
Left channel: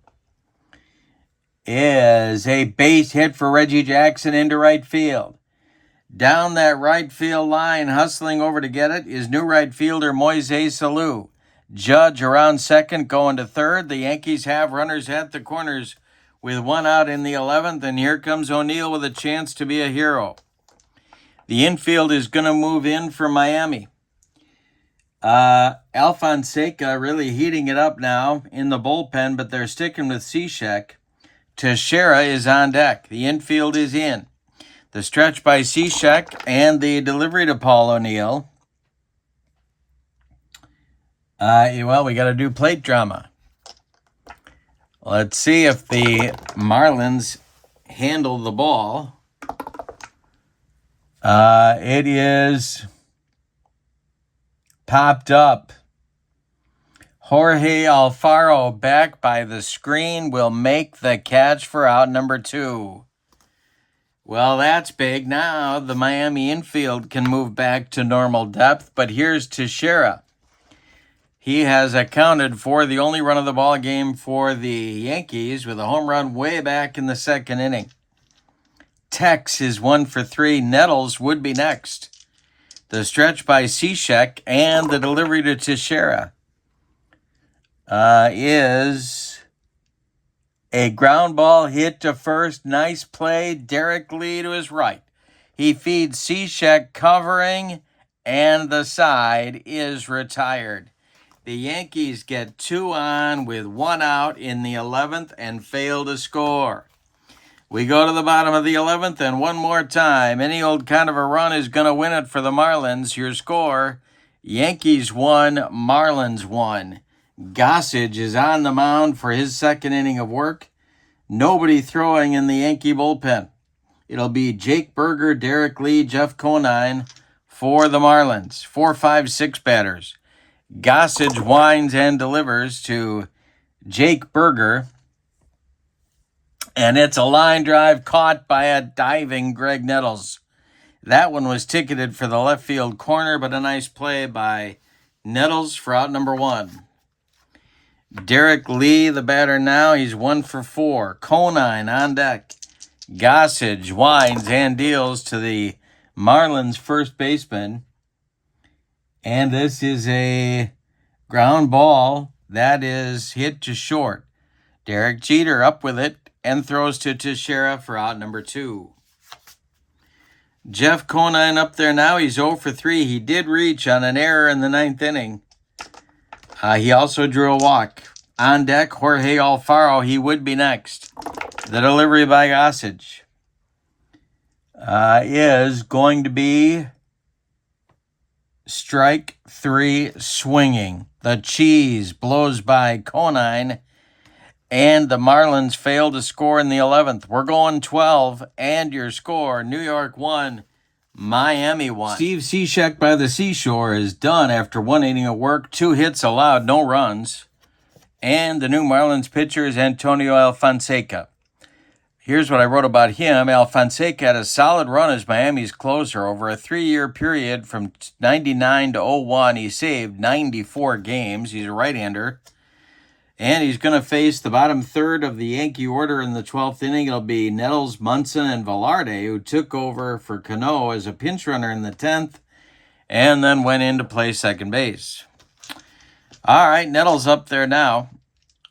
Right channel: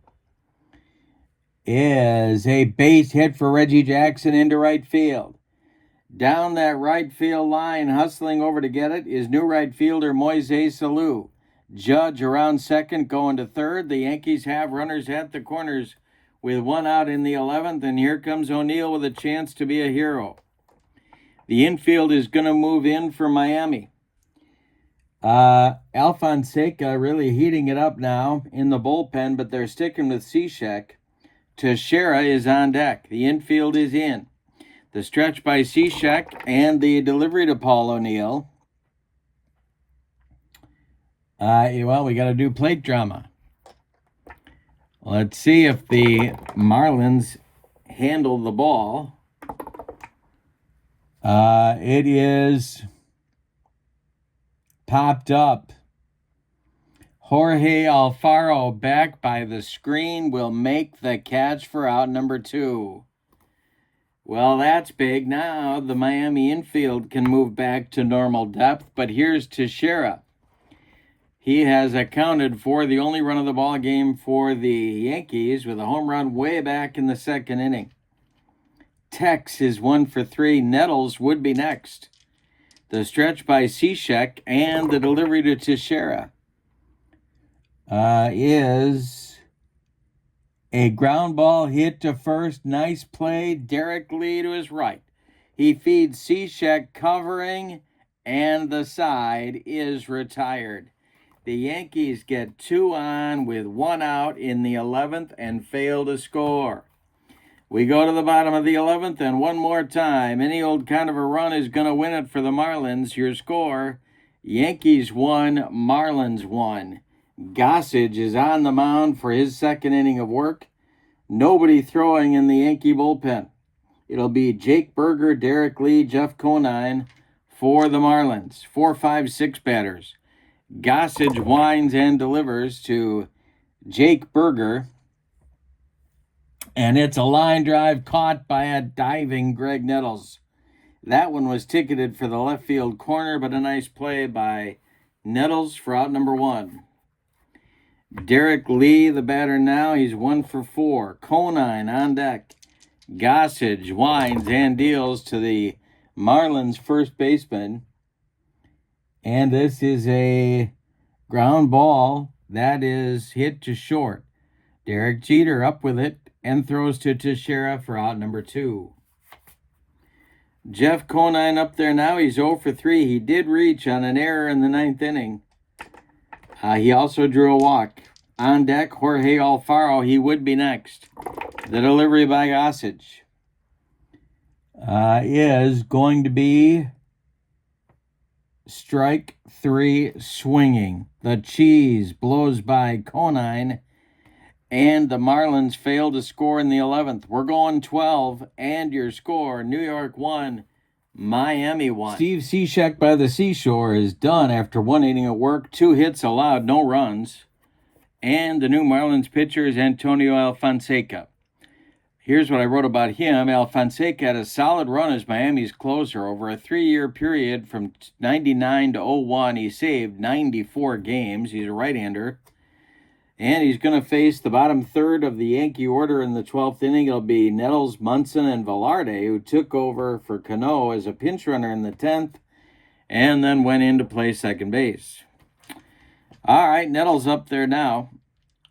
is a base hit for Reggie Jackson into right field. Down that right field line, hustling over to get it, is new right fielder Moises Salou. Judge around second, going to third. The Yankees have runners at the corners with 1 out in the 11th, and here comes O'Neill with a chance to be a hero. The infield is going to move in for Miami. Alfonseca really heating it up now in the bullpen, but they're sticking with Cishek. Teixeira is on deck. The infield is in. The stretch by Cishek and the delivery to Paul O'Neill. Well, we got to do plate drama. Let's see if the Marlins handle the ball. It is popped up. Jorge Alfaro back by the screen will make the catch for out number 2. Well, that's big. Now the Miami infield can move back to normal depth, but here's Teixeira. He has accounted for the only run of the ball game for the Yankees with a home run way back in the second inning. Tex is 1 for 3. Nettles would be next. The stretch by Cishek and the delivery to Teixeira is a ground ball hit to first. Nice play. Derek Lee to his right. He feeds Cishek covering, and the side is retired. The Yankees get 2 on with 1 out in the 11th and fail to score. We go to the bottom of the 11th, and one more time, any old kind of a run is going to win it for the Marlins. Your score, Yankees 1, Marlins 1. Gossage is on the mound for his second inning of work. Nobody throwing in the Yankee bullpen. It'll be Jake Berger, Derek Lee, Jeff Conine for the Marlins. 4, 5, 6 batters. Gossage winds and delivers to Jake Berger. And it's a line drive caught by a diving Greg Nettles. That one was ticketed for the left field corner, but a nice play by Nettles for out number 1. Derek Lee, the batter now, he's 1 for 4. Conine on deck. Gossage winds and deals to the Marlins first baseman. And this is a ground ball that is hit to short. Derek Jeter up with it and throws to Teixeira for out number 2. Jeff Conine up there now. He's 0 for 3. He did reach on an error in the 9th inning. He also drew a walk. On deck, Jorge Alfaro. He would be next. The delivery by Gossage is going to be strike 3 swinging. The cheese blows by Conine, and the Marlins fail to score in the 11th. We're going 12, and your score, New York 1, Miami 1. Steve Cishek by the seashore is done after 1 inning of work. 2 hits allowed, no runs. And the new Marlins pitcher is Antonio Alfonseca. Here's what I wrote about him. Alfonseca had a solid run as Miami's closer. Over a 3-year period from 99 to 01, he saved 94 games. He's a right-hander. And he's going to face the bottom third of the Yankee order in the 12th inning. It'll be Nettles, Munson, and Velarde, who took over for Cano as a pinch runner in the 10th and then went in to play second base. All right, Nettles up there now.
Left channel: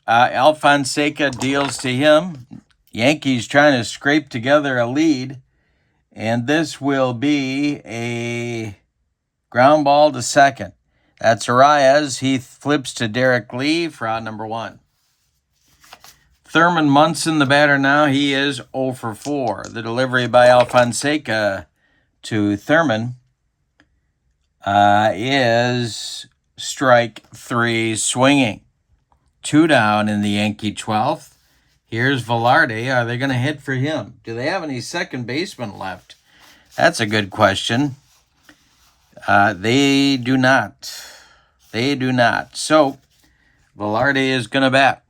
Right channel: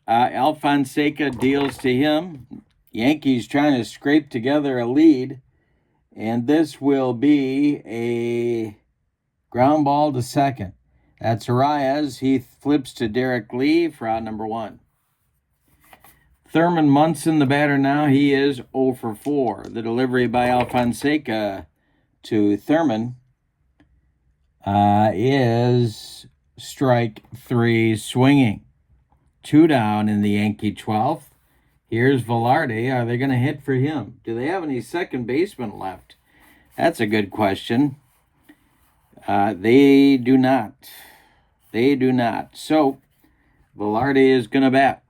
Alfonseca deals to him. Yankees trying to scrape together a lead. And this will be a ground ball to second. That's Arias. He flips to Derek Lee for out number 1. Thurman Munson, the batter now, he is 0 for 4. The delivery by Alfonseca to Thurman is strike 3 swinging. 2 down in the Yankee 12th. Here's Velarde. Are they going to hit for him? Do they have any second basemen left? That's a good question. They do not. They do not. So, Velarde is going to bat.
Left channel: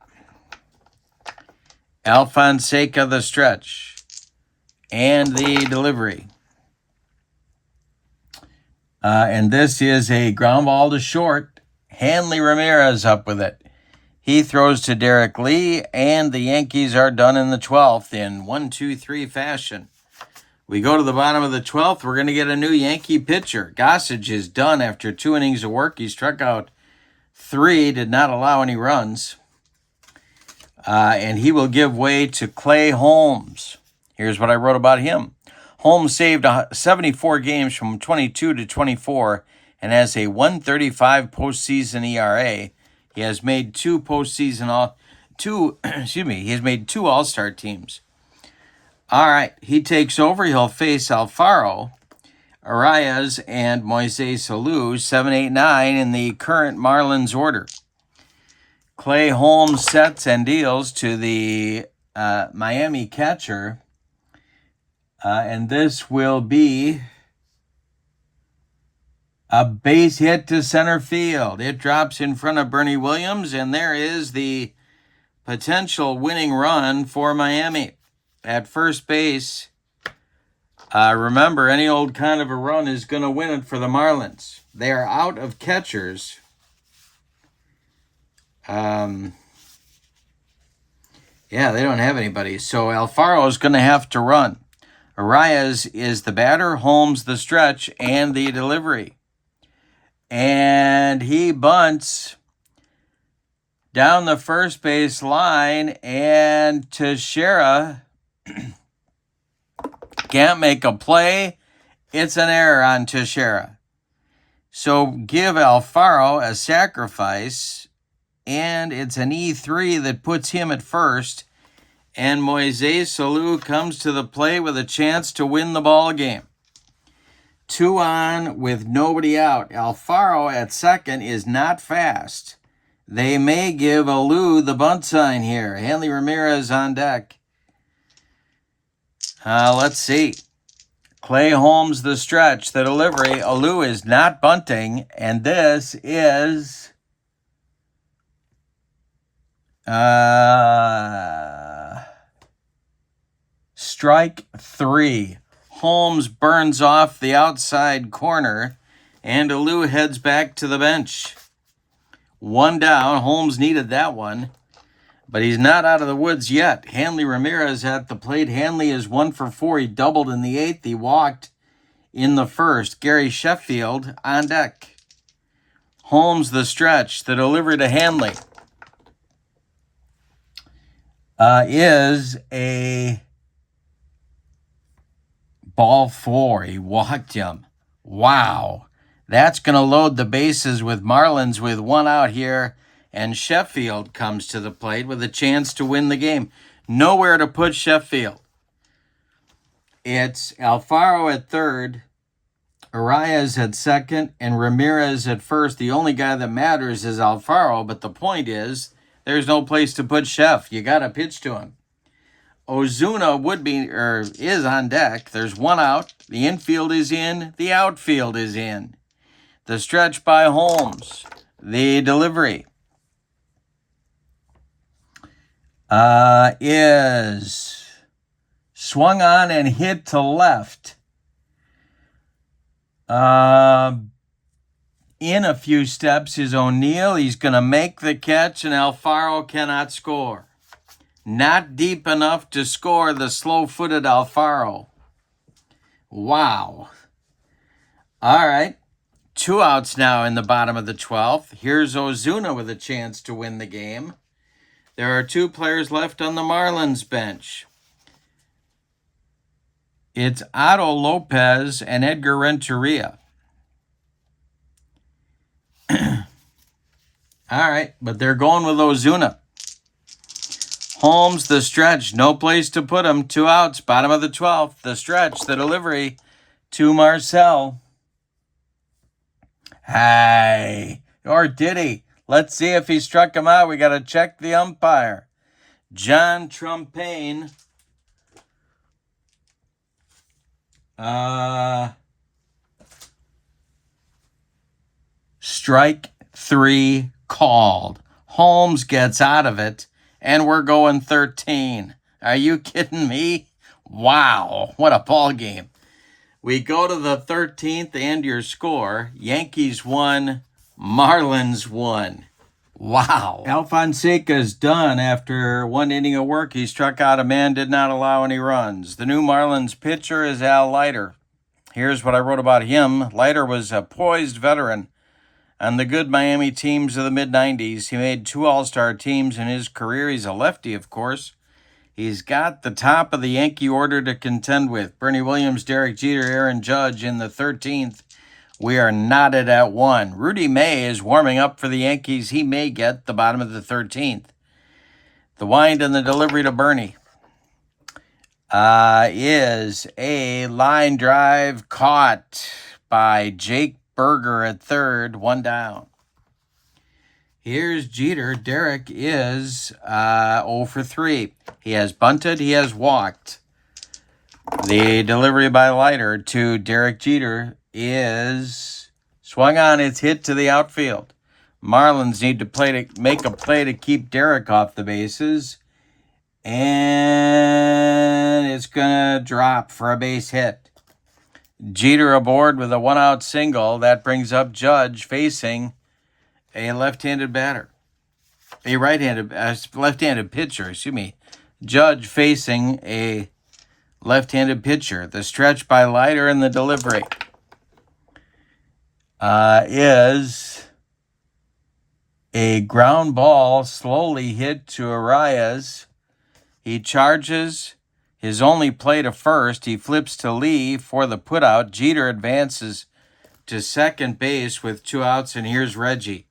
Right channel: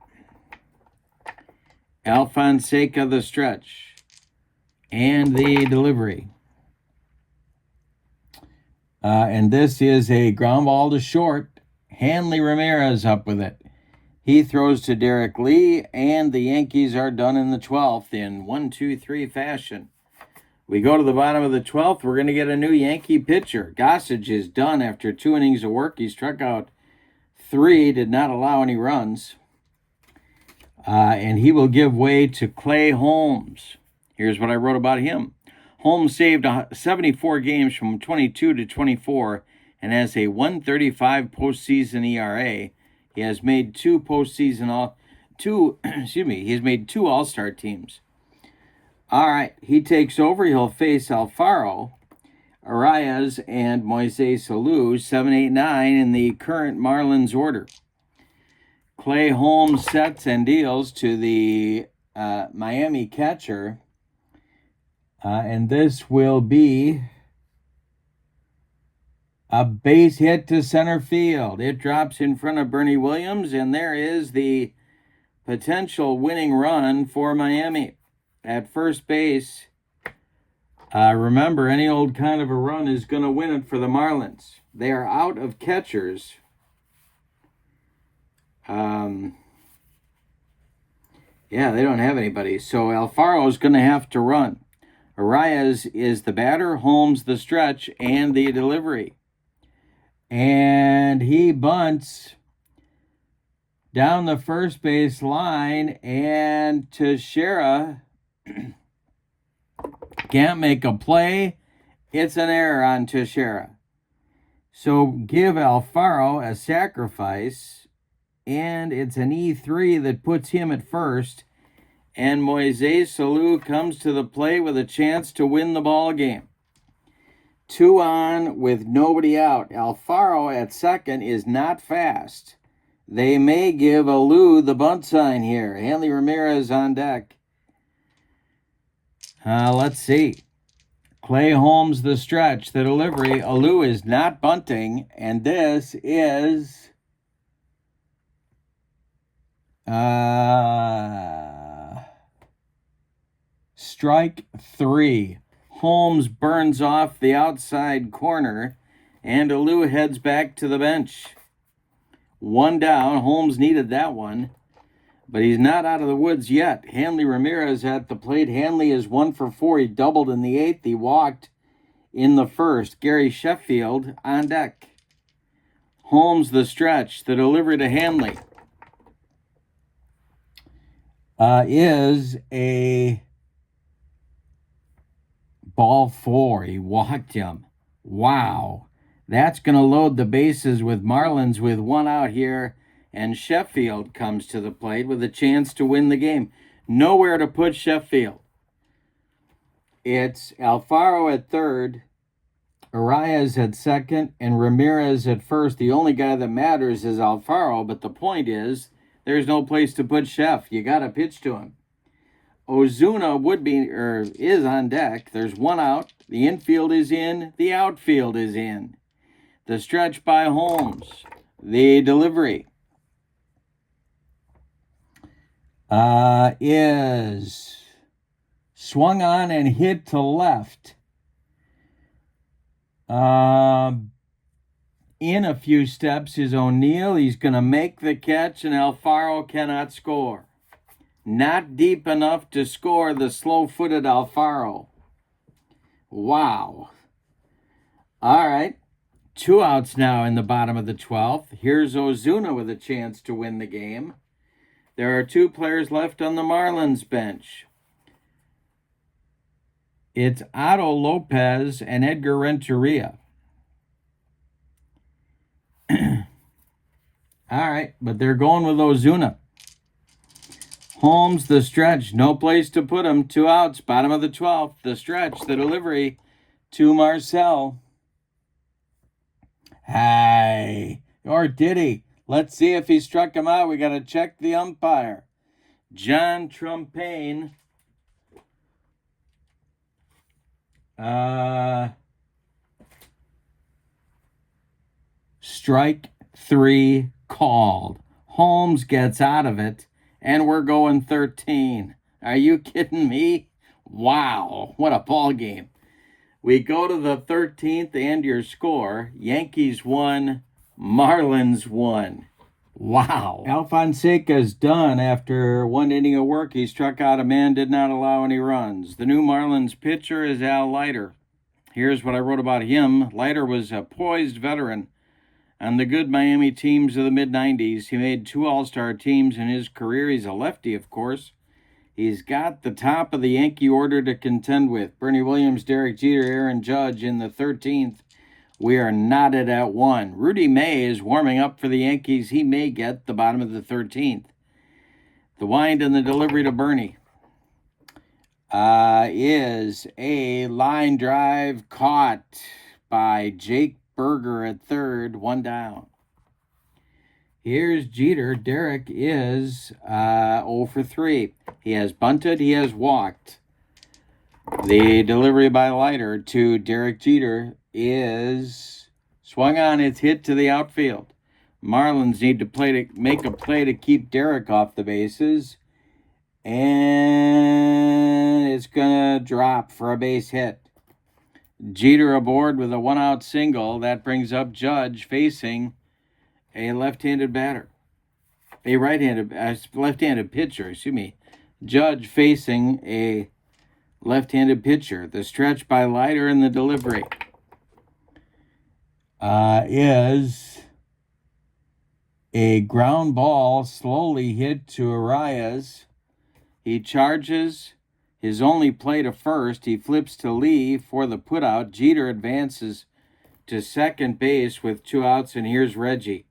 Alfonseca the stretch. And the delivery. And this is a ground ball to short. Hanley Ramirez up with it. He throws to Derek Lee, and the Yankees are done in the 12th in 1-2-3 fashion. We go to the bottom of the 12th. We're going to get a new Yankee pitcher. Gossage is done after 2 innings of work. He struck out 3, did not allow any runs. And he will give way to Clay Holmes. Here's what I wrote about him. Holmes saved 74 games from 22 to 24. and has a 1.35 postseason ERA. He has made two he has made two All-Star teams. All right, he takes over. He'll face Alfaro, Arias, and Moises Alou, 7, 8, 9 in the current Marlins order. Clay Holmes sets and deals to the Miami catcher. And this will be a base hit to center field. It drops in front of Bernie Williams, and there is the potential winning run for Miami. At first base, remember, any old kind of a run is going to win it for the Marlins. They are out of catchers. Yeah, they don't have anybody. So Alfaro is going to have to run. Arias is the batter, Holmes the stretch, and the delivery. And he bunts down the first base line, and Teixeira can't make a play. It's an error on Teixeira. So give Alfaro a sacrifice, and it's an E3 that puts him at first. And Moises Alou comes to the plate with a chance to win the ball game. 2 on with nobody out. Alfaro at second is not fast. They may give Alou the bunt sign here. Hanley Ramirez on deck. Let's see. Clay Holmes the stretch, the delivery. Alou is not bunting, and this is strike 3. Holmes burns off the outside corner, and Alou heads back to the bench. 1 down. Holmes needed that one, but he's not out of the woods yet. Hanley Ramirez at the plate. Hanley is 1 for 4. He doubled in the 8th. He walked in the 1st. Gary Sheffield on deck. Holmes the stretch. The delivery to Hanley is a ball 4. He walked him. Wow. That's going to load the bases with Marlins with 1 out here. And Sheffield comes to the plate with a chance to win the game. Nowhere to put Sheffield. It's Alfaro at third, Arias at second, and Ramirez at first. The only guy that matters is Alfaro, but the point is there's no place to put Sheff. You got to pitch to him. Ozuna is on deck. There's 1 out. The infield is in. The outfield is in. The stretch by Holmes. The delivery is swung on and hit to left. In a few steps is O'Neill. He's going to make the catch, and Alfaro cannot score. Not deep enough to score the slow-footed Alfaro. Wow. All right. 2 outs now in the bottom of the 12th. Here's Ozuna with a chance to win the game. There are 2 players left on the Marlins bench. It's Otto Lopez and Edgar Renteria. All right, but they're going with Ozuna. Holmes, the stretch, no place to put him. 2 outs, bottom of the 12th. The stretch, the delivery to Marcel. Hey, or did he? Let's see if he struck him out. We got to check the umpire. John Trumpaine. Strike 3 called. Holmes gets out of it, and we're going 13. Are you kidding me? Wow, what a ball game. We go to the 13th and your score. Yankees 1, Marlins 1. Wow. Alfonseca's done after 1 inning of work. He struck out a man, did not allow any runs. The new Marlins pitcher is Al Leiter. Here's what I wrote about him. Leiter was a poised veteran on the good Miami teams of the mid-90s. He made 2 All-Star teams in his career. He's a lefty, of course. He's got the top of the Yankee order to contend with. Bernie Williams, Derek Jeter, Aaron Judge in the 13th We are knotted at 1. Rudy May is warming up for the Yankees. He may get the bottom of the 13th. The wind and the delivery to Bernie is a line drive caught by Jake Berger at third, 1 down. Here's Jeter. Derek is 0 for 3. He has bunted, he has walked. The delivery by Leiter to Derek Jeter is swung on. It's hit to the outfield. Marlins need to make a play to keep Derek off the bases. And it's going to drop for a base hit. Jeter aboard with a 1-out single. That brings up Judge facing a left-handed batter. A left-handed pitcher, Judge facing a left-handed pitcher. The stretch by Leiter and the delivery is a ground ball slowly hit to Arias. He charges his only play to first. He flips to Lee for the putout. Jeter advances to second base with 2 outs, and here's Reggie.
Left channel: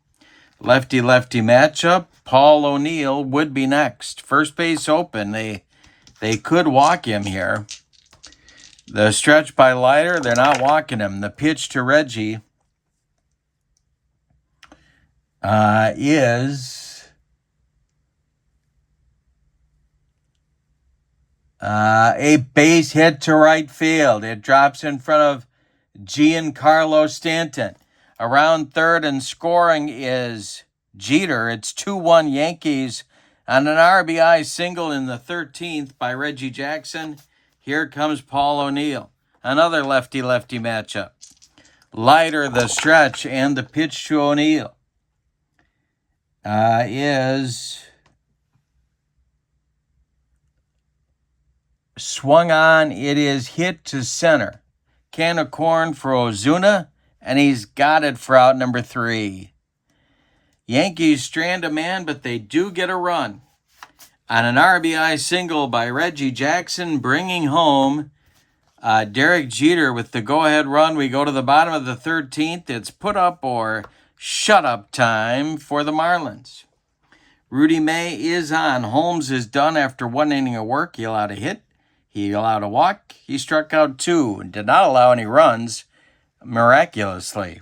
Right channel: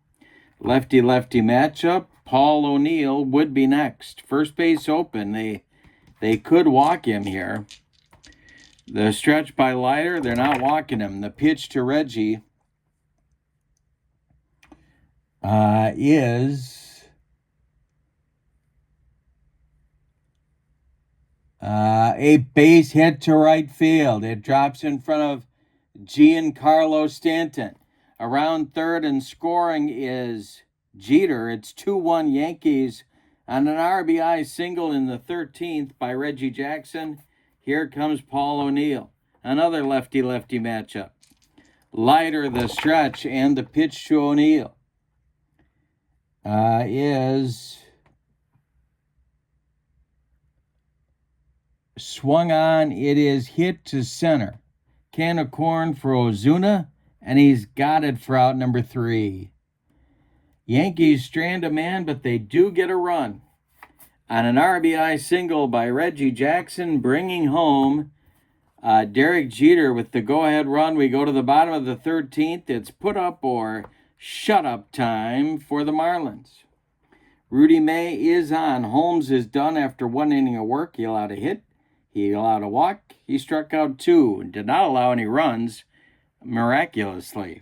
Lefty-lefty matchup. Paul O'Neill would be next. First base open. They could walk him here. The stretch by Leiter, they're not walking him. The pitch to Reggie is a base hit to right field. It drops in front of Giancarlo Stanton. Around third and scoring is Jeter. It's 2-1 Yankees on an RBI single in the 13th by Reggie Jackson. Here comes Paul O'Neill. Another lefty-lefty matchup. Leiter, the stretch, and the pitch to O'Neill is swung on. It is hit to center. Can of corn for Ozuna, and he's got it for out number 3. Yankees strand a man, but they do get a run on an RBI single by Reggie Jackson, bringing home Derek Jeter with the go-ahead run. We go to the bottom of the 13th. It's put up or shut up time for the Marlins. Rudy May is on. Holmes is done after 1 inning of work. He allowed a hit. He allowed a walk. He struck out 2 and did not allow any runs, miraculously.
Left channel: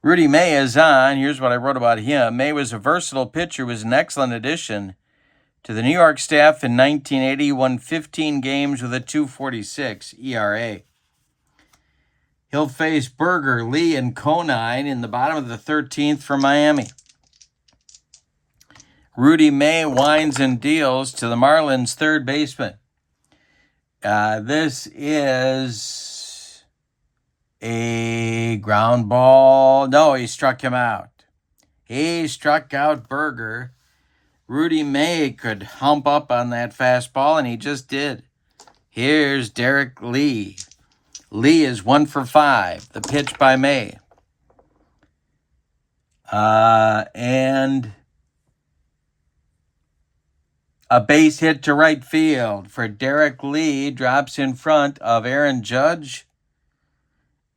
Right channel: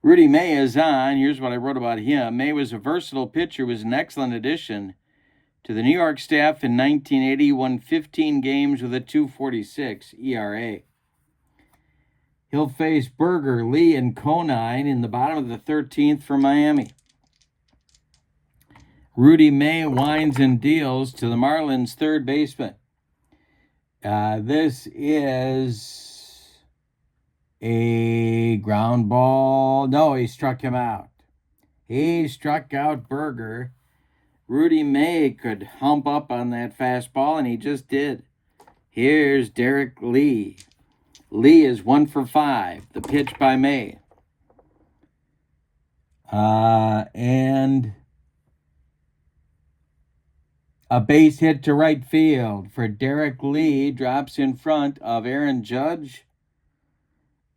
Rudy May is on. Here's what I wrote about him. May was a versatile pitcher, was an excellent addition to the New York staff in 1980, won 15 games with a 2.46 ERA. He'll face Berger, Lee, and Conine in the bottom of the 13th for Miami. Rudy May winds and deals to the Marlins' third baseman. This is a ground ball. No, he struck him out. He struck out Berger. Rudy May could hump up on that fastball, and he just did. Here's Derek Lee. Lee is 1 for 5. The pitch by May. And a base hit to right field for Derek Lee. Drops in front of Aaron Judge.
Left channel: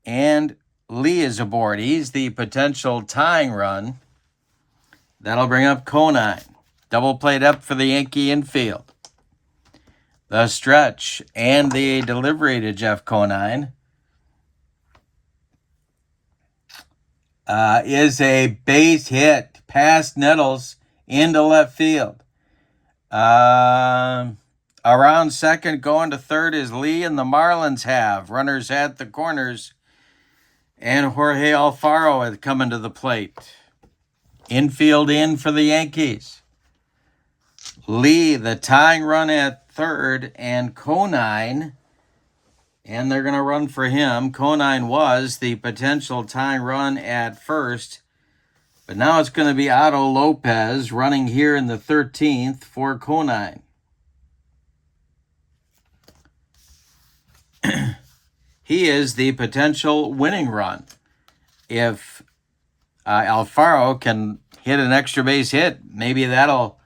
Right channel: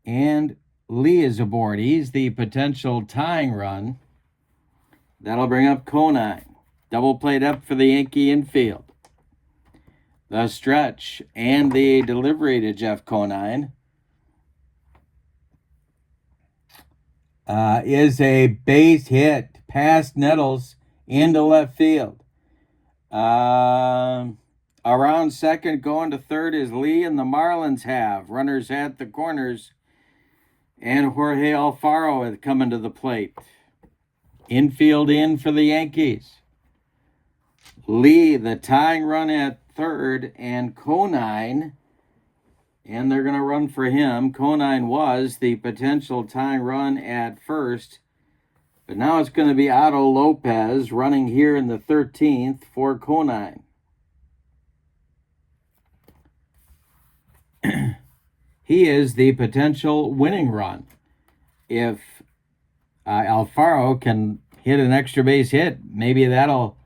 And Lee is aboard. He's the potential tying run. That'll bring up Conine. Double played up for the Yankee infield. The stretch and the delivery to Jeff Conine is a base hit past Nettles into left field. Around second, going to third is Lee, and the Marlins have runners at the corners, and Jorge Alfaro had come into the plate. Infield in for the Yankees. Lee, the tying run at third, and Conine, and they're going to run for him. Conine was the potential tying run at first, but now it's going to be Otto Lopez running here in the 13th for Conine. He is the potential winning run. If Alfaro can hit an extra base hit, maybe that'll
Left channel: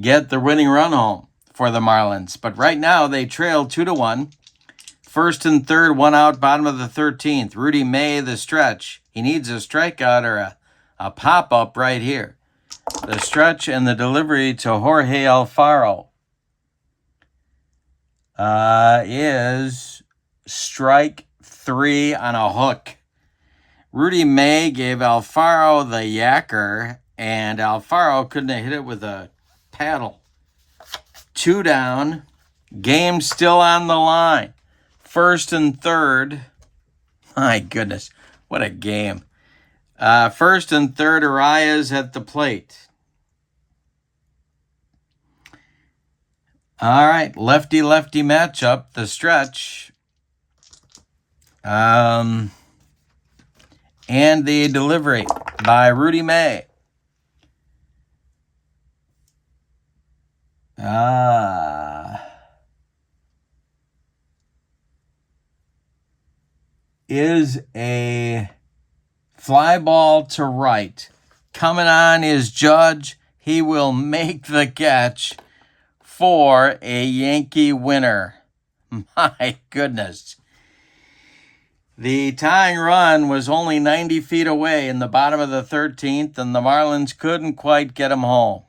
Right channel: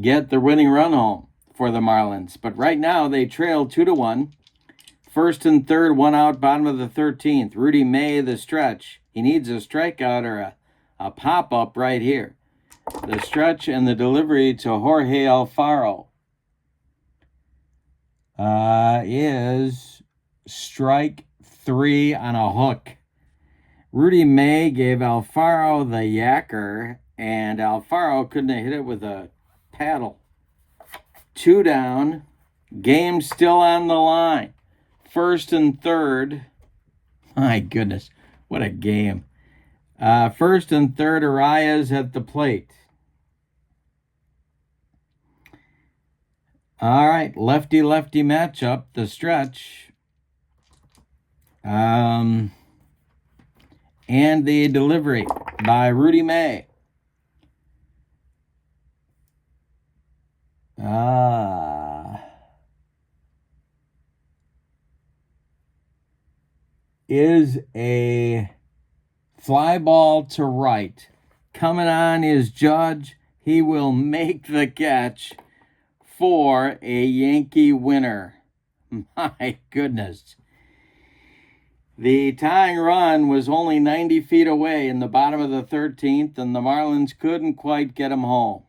get the winning run home for the Marlins. But right now they trail 2-1. First and third, one out, bottom of the 13th. Rudy May, the stretch. He needs a strikeout or a pop-up right here. The stretch and the delivery to Jorge Alfaro is strike 3 on a hook. Rudy May gave Alfaro the yacker, and Alfaro couldn't have hit it with a paddle. 2 down. Game still on the line. First and third. My goodness, what a game. First and third, Arias at the plate. All right, lefty-lefty matchup, the stretch. And the delivery by Rudy May. Is a fly ball to right. Coming on is Judge. He will make the catch for a Yankee winner. My goodness. The tying run was only 90 feet away in the bottom of the 13th, and the Marlins couldn't quite get him home.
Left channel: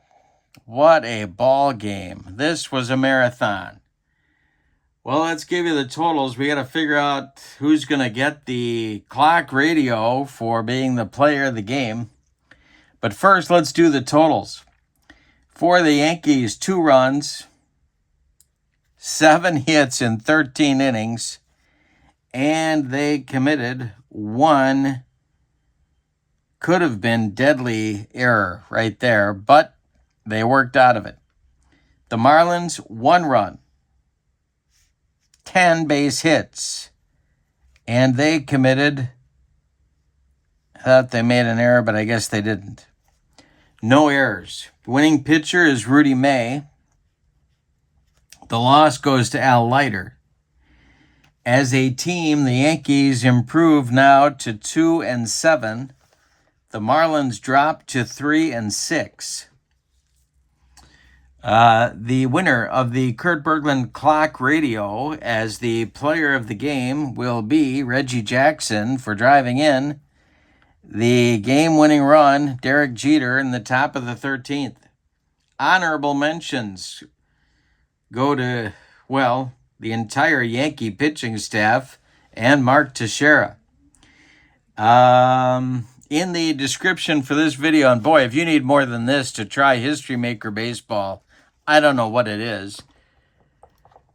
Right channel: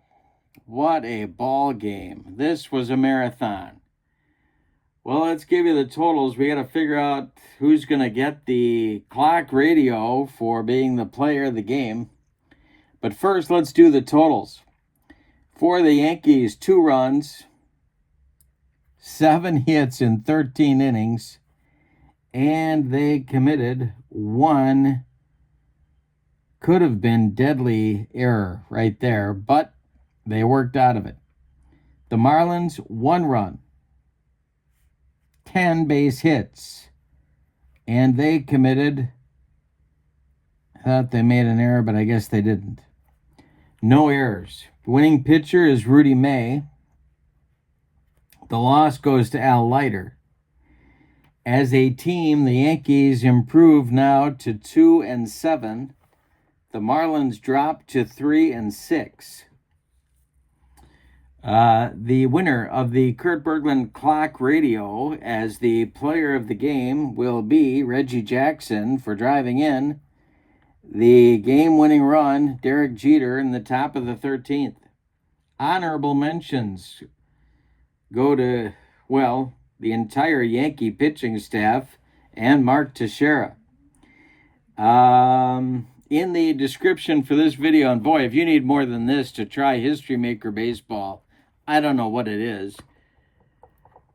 What a ball game. This was a marathon. Well, let's give you the totals. We got to figure out who's going to get the clock radio for being the player of the game. But first, let's do the totals. For the Yankees, 2 runs, 7 hits in 13 innings, and they committed 1 could have been deadly error right there, but they worked out of it. The Marlins, 1 run, 10 base hits, and they committed, I thought they made an error, but I guess they didn't. No errors. Winning pitcher is Rudy May. The loss goes to Al Leiter. As a team, the Yankees improve now to 2-7. The Marlins drop to 3-6. The winner of the Kurt Bergland Clock Radio as the player of the game will be Reggie Jackson for driving in the game-winning run, Derek Jeter, in the top of the 13th. Honorable mentions go to, well, the entire Yankee pitching staff and Mark Teixeira. In the description for this video, and boy, if you need more than this to try History Maker Baseball, I don't know what it is.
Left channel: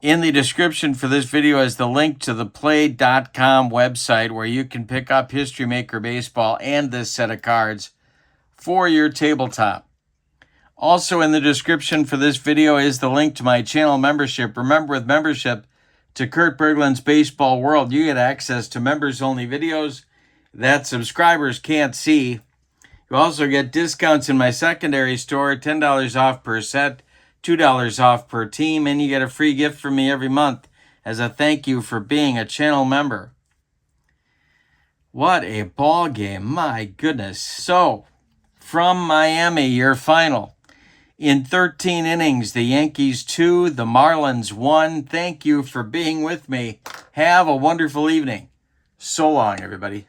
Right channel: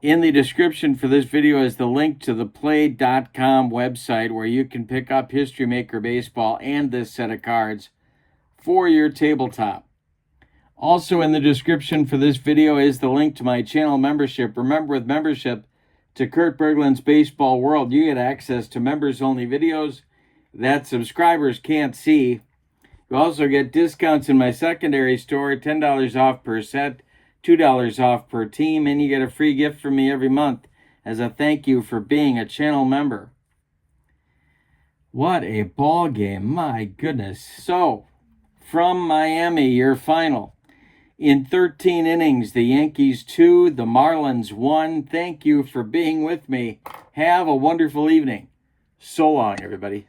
In the description for this video is the link to the play.com website where you can pick up History Maker Baseball and this set of cards for your tabletop. Also in the description for this video is the link to my channel membership. Remember, with membership to Kurt Bergland's Baseball World, you get access to members-only videos that subscribers can't see. You also get discounts in my secondary store, $10 off per set, $2 off per team, and you get a free gift from me every month as a thank you for being a channel member. What a ball game, my goodness. So, from Miami, your final. In 13 innings, the Yankees 2, the Marlins 1. Thank you for being with me. Have a wonderful evening. So long, everybody.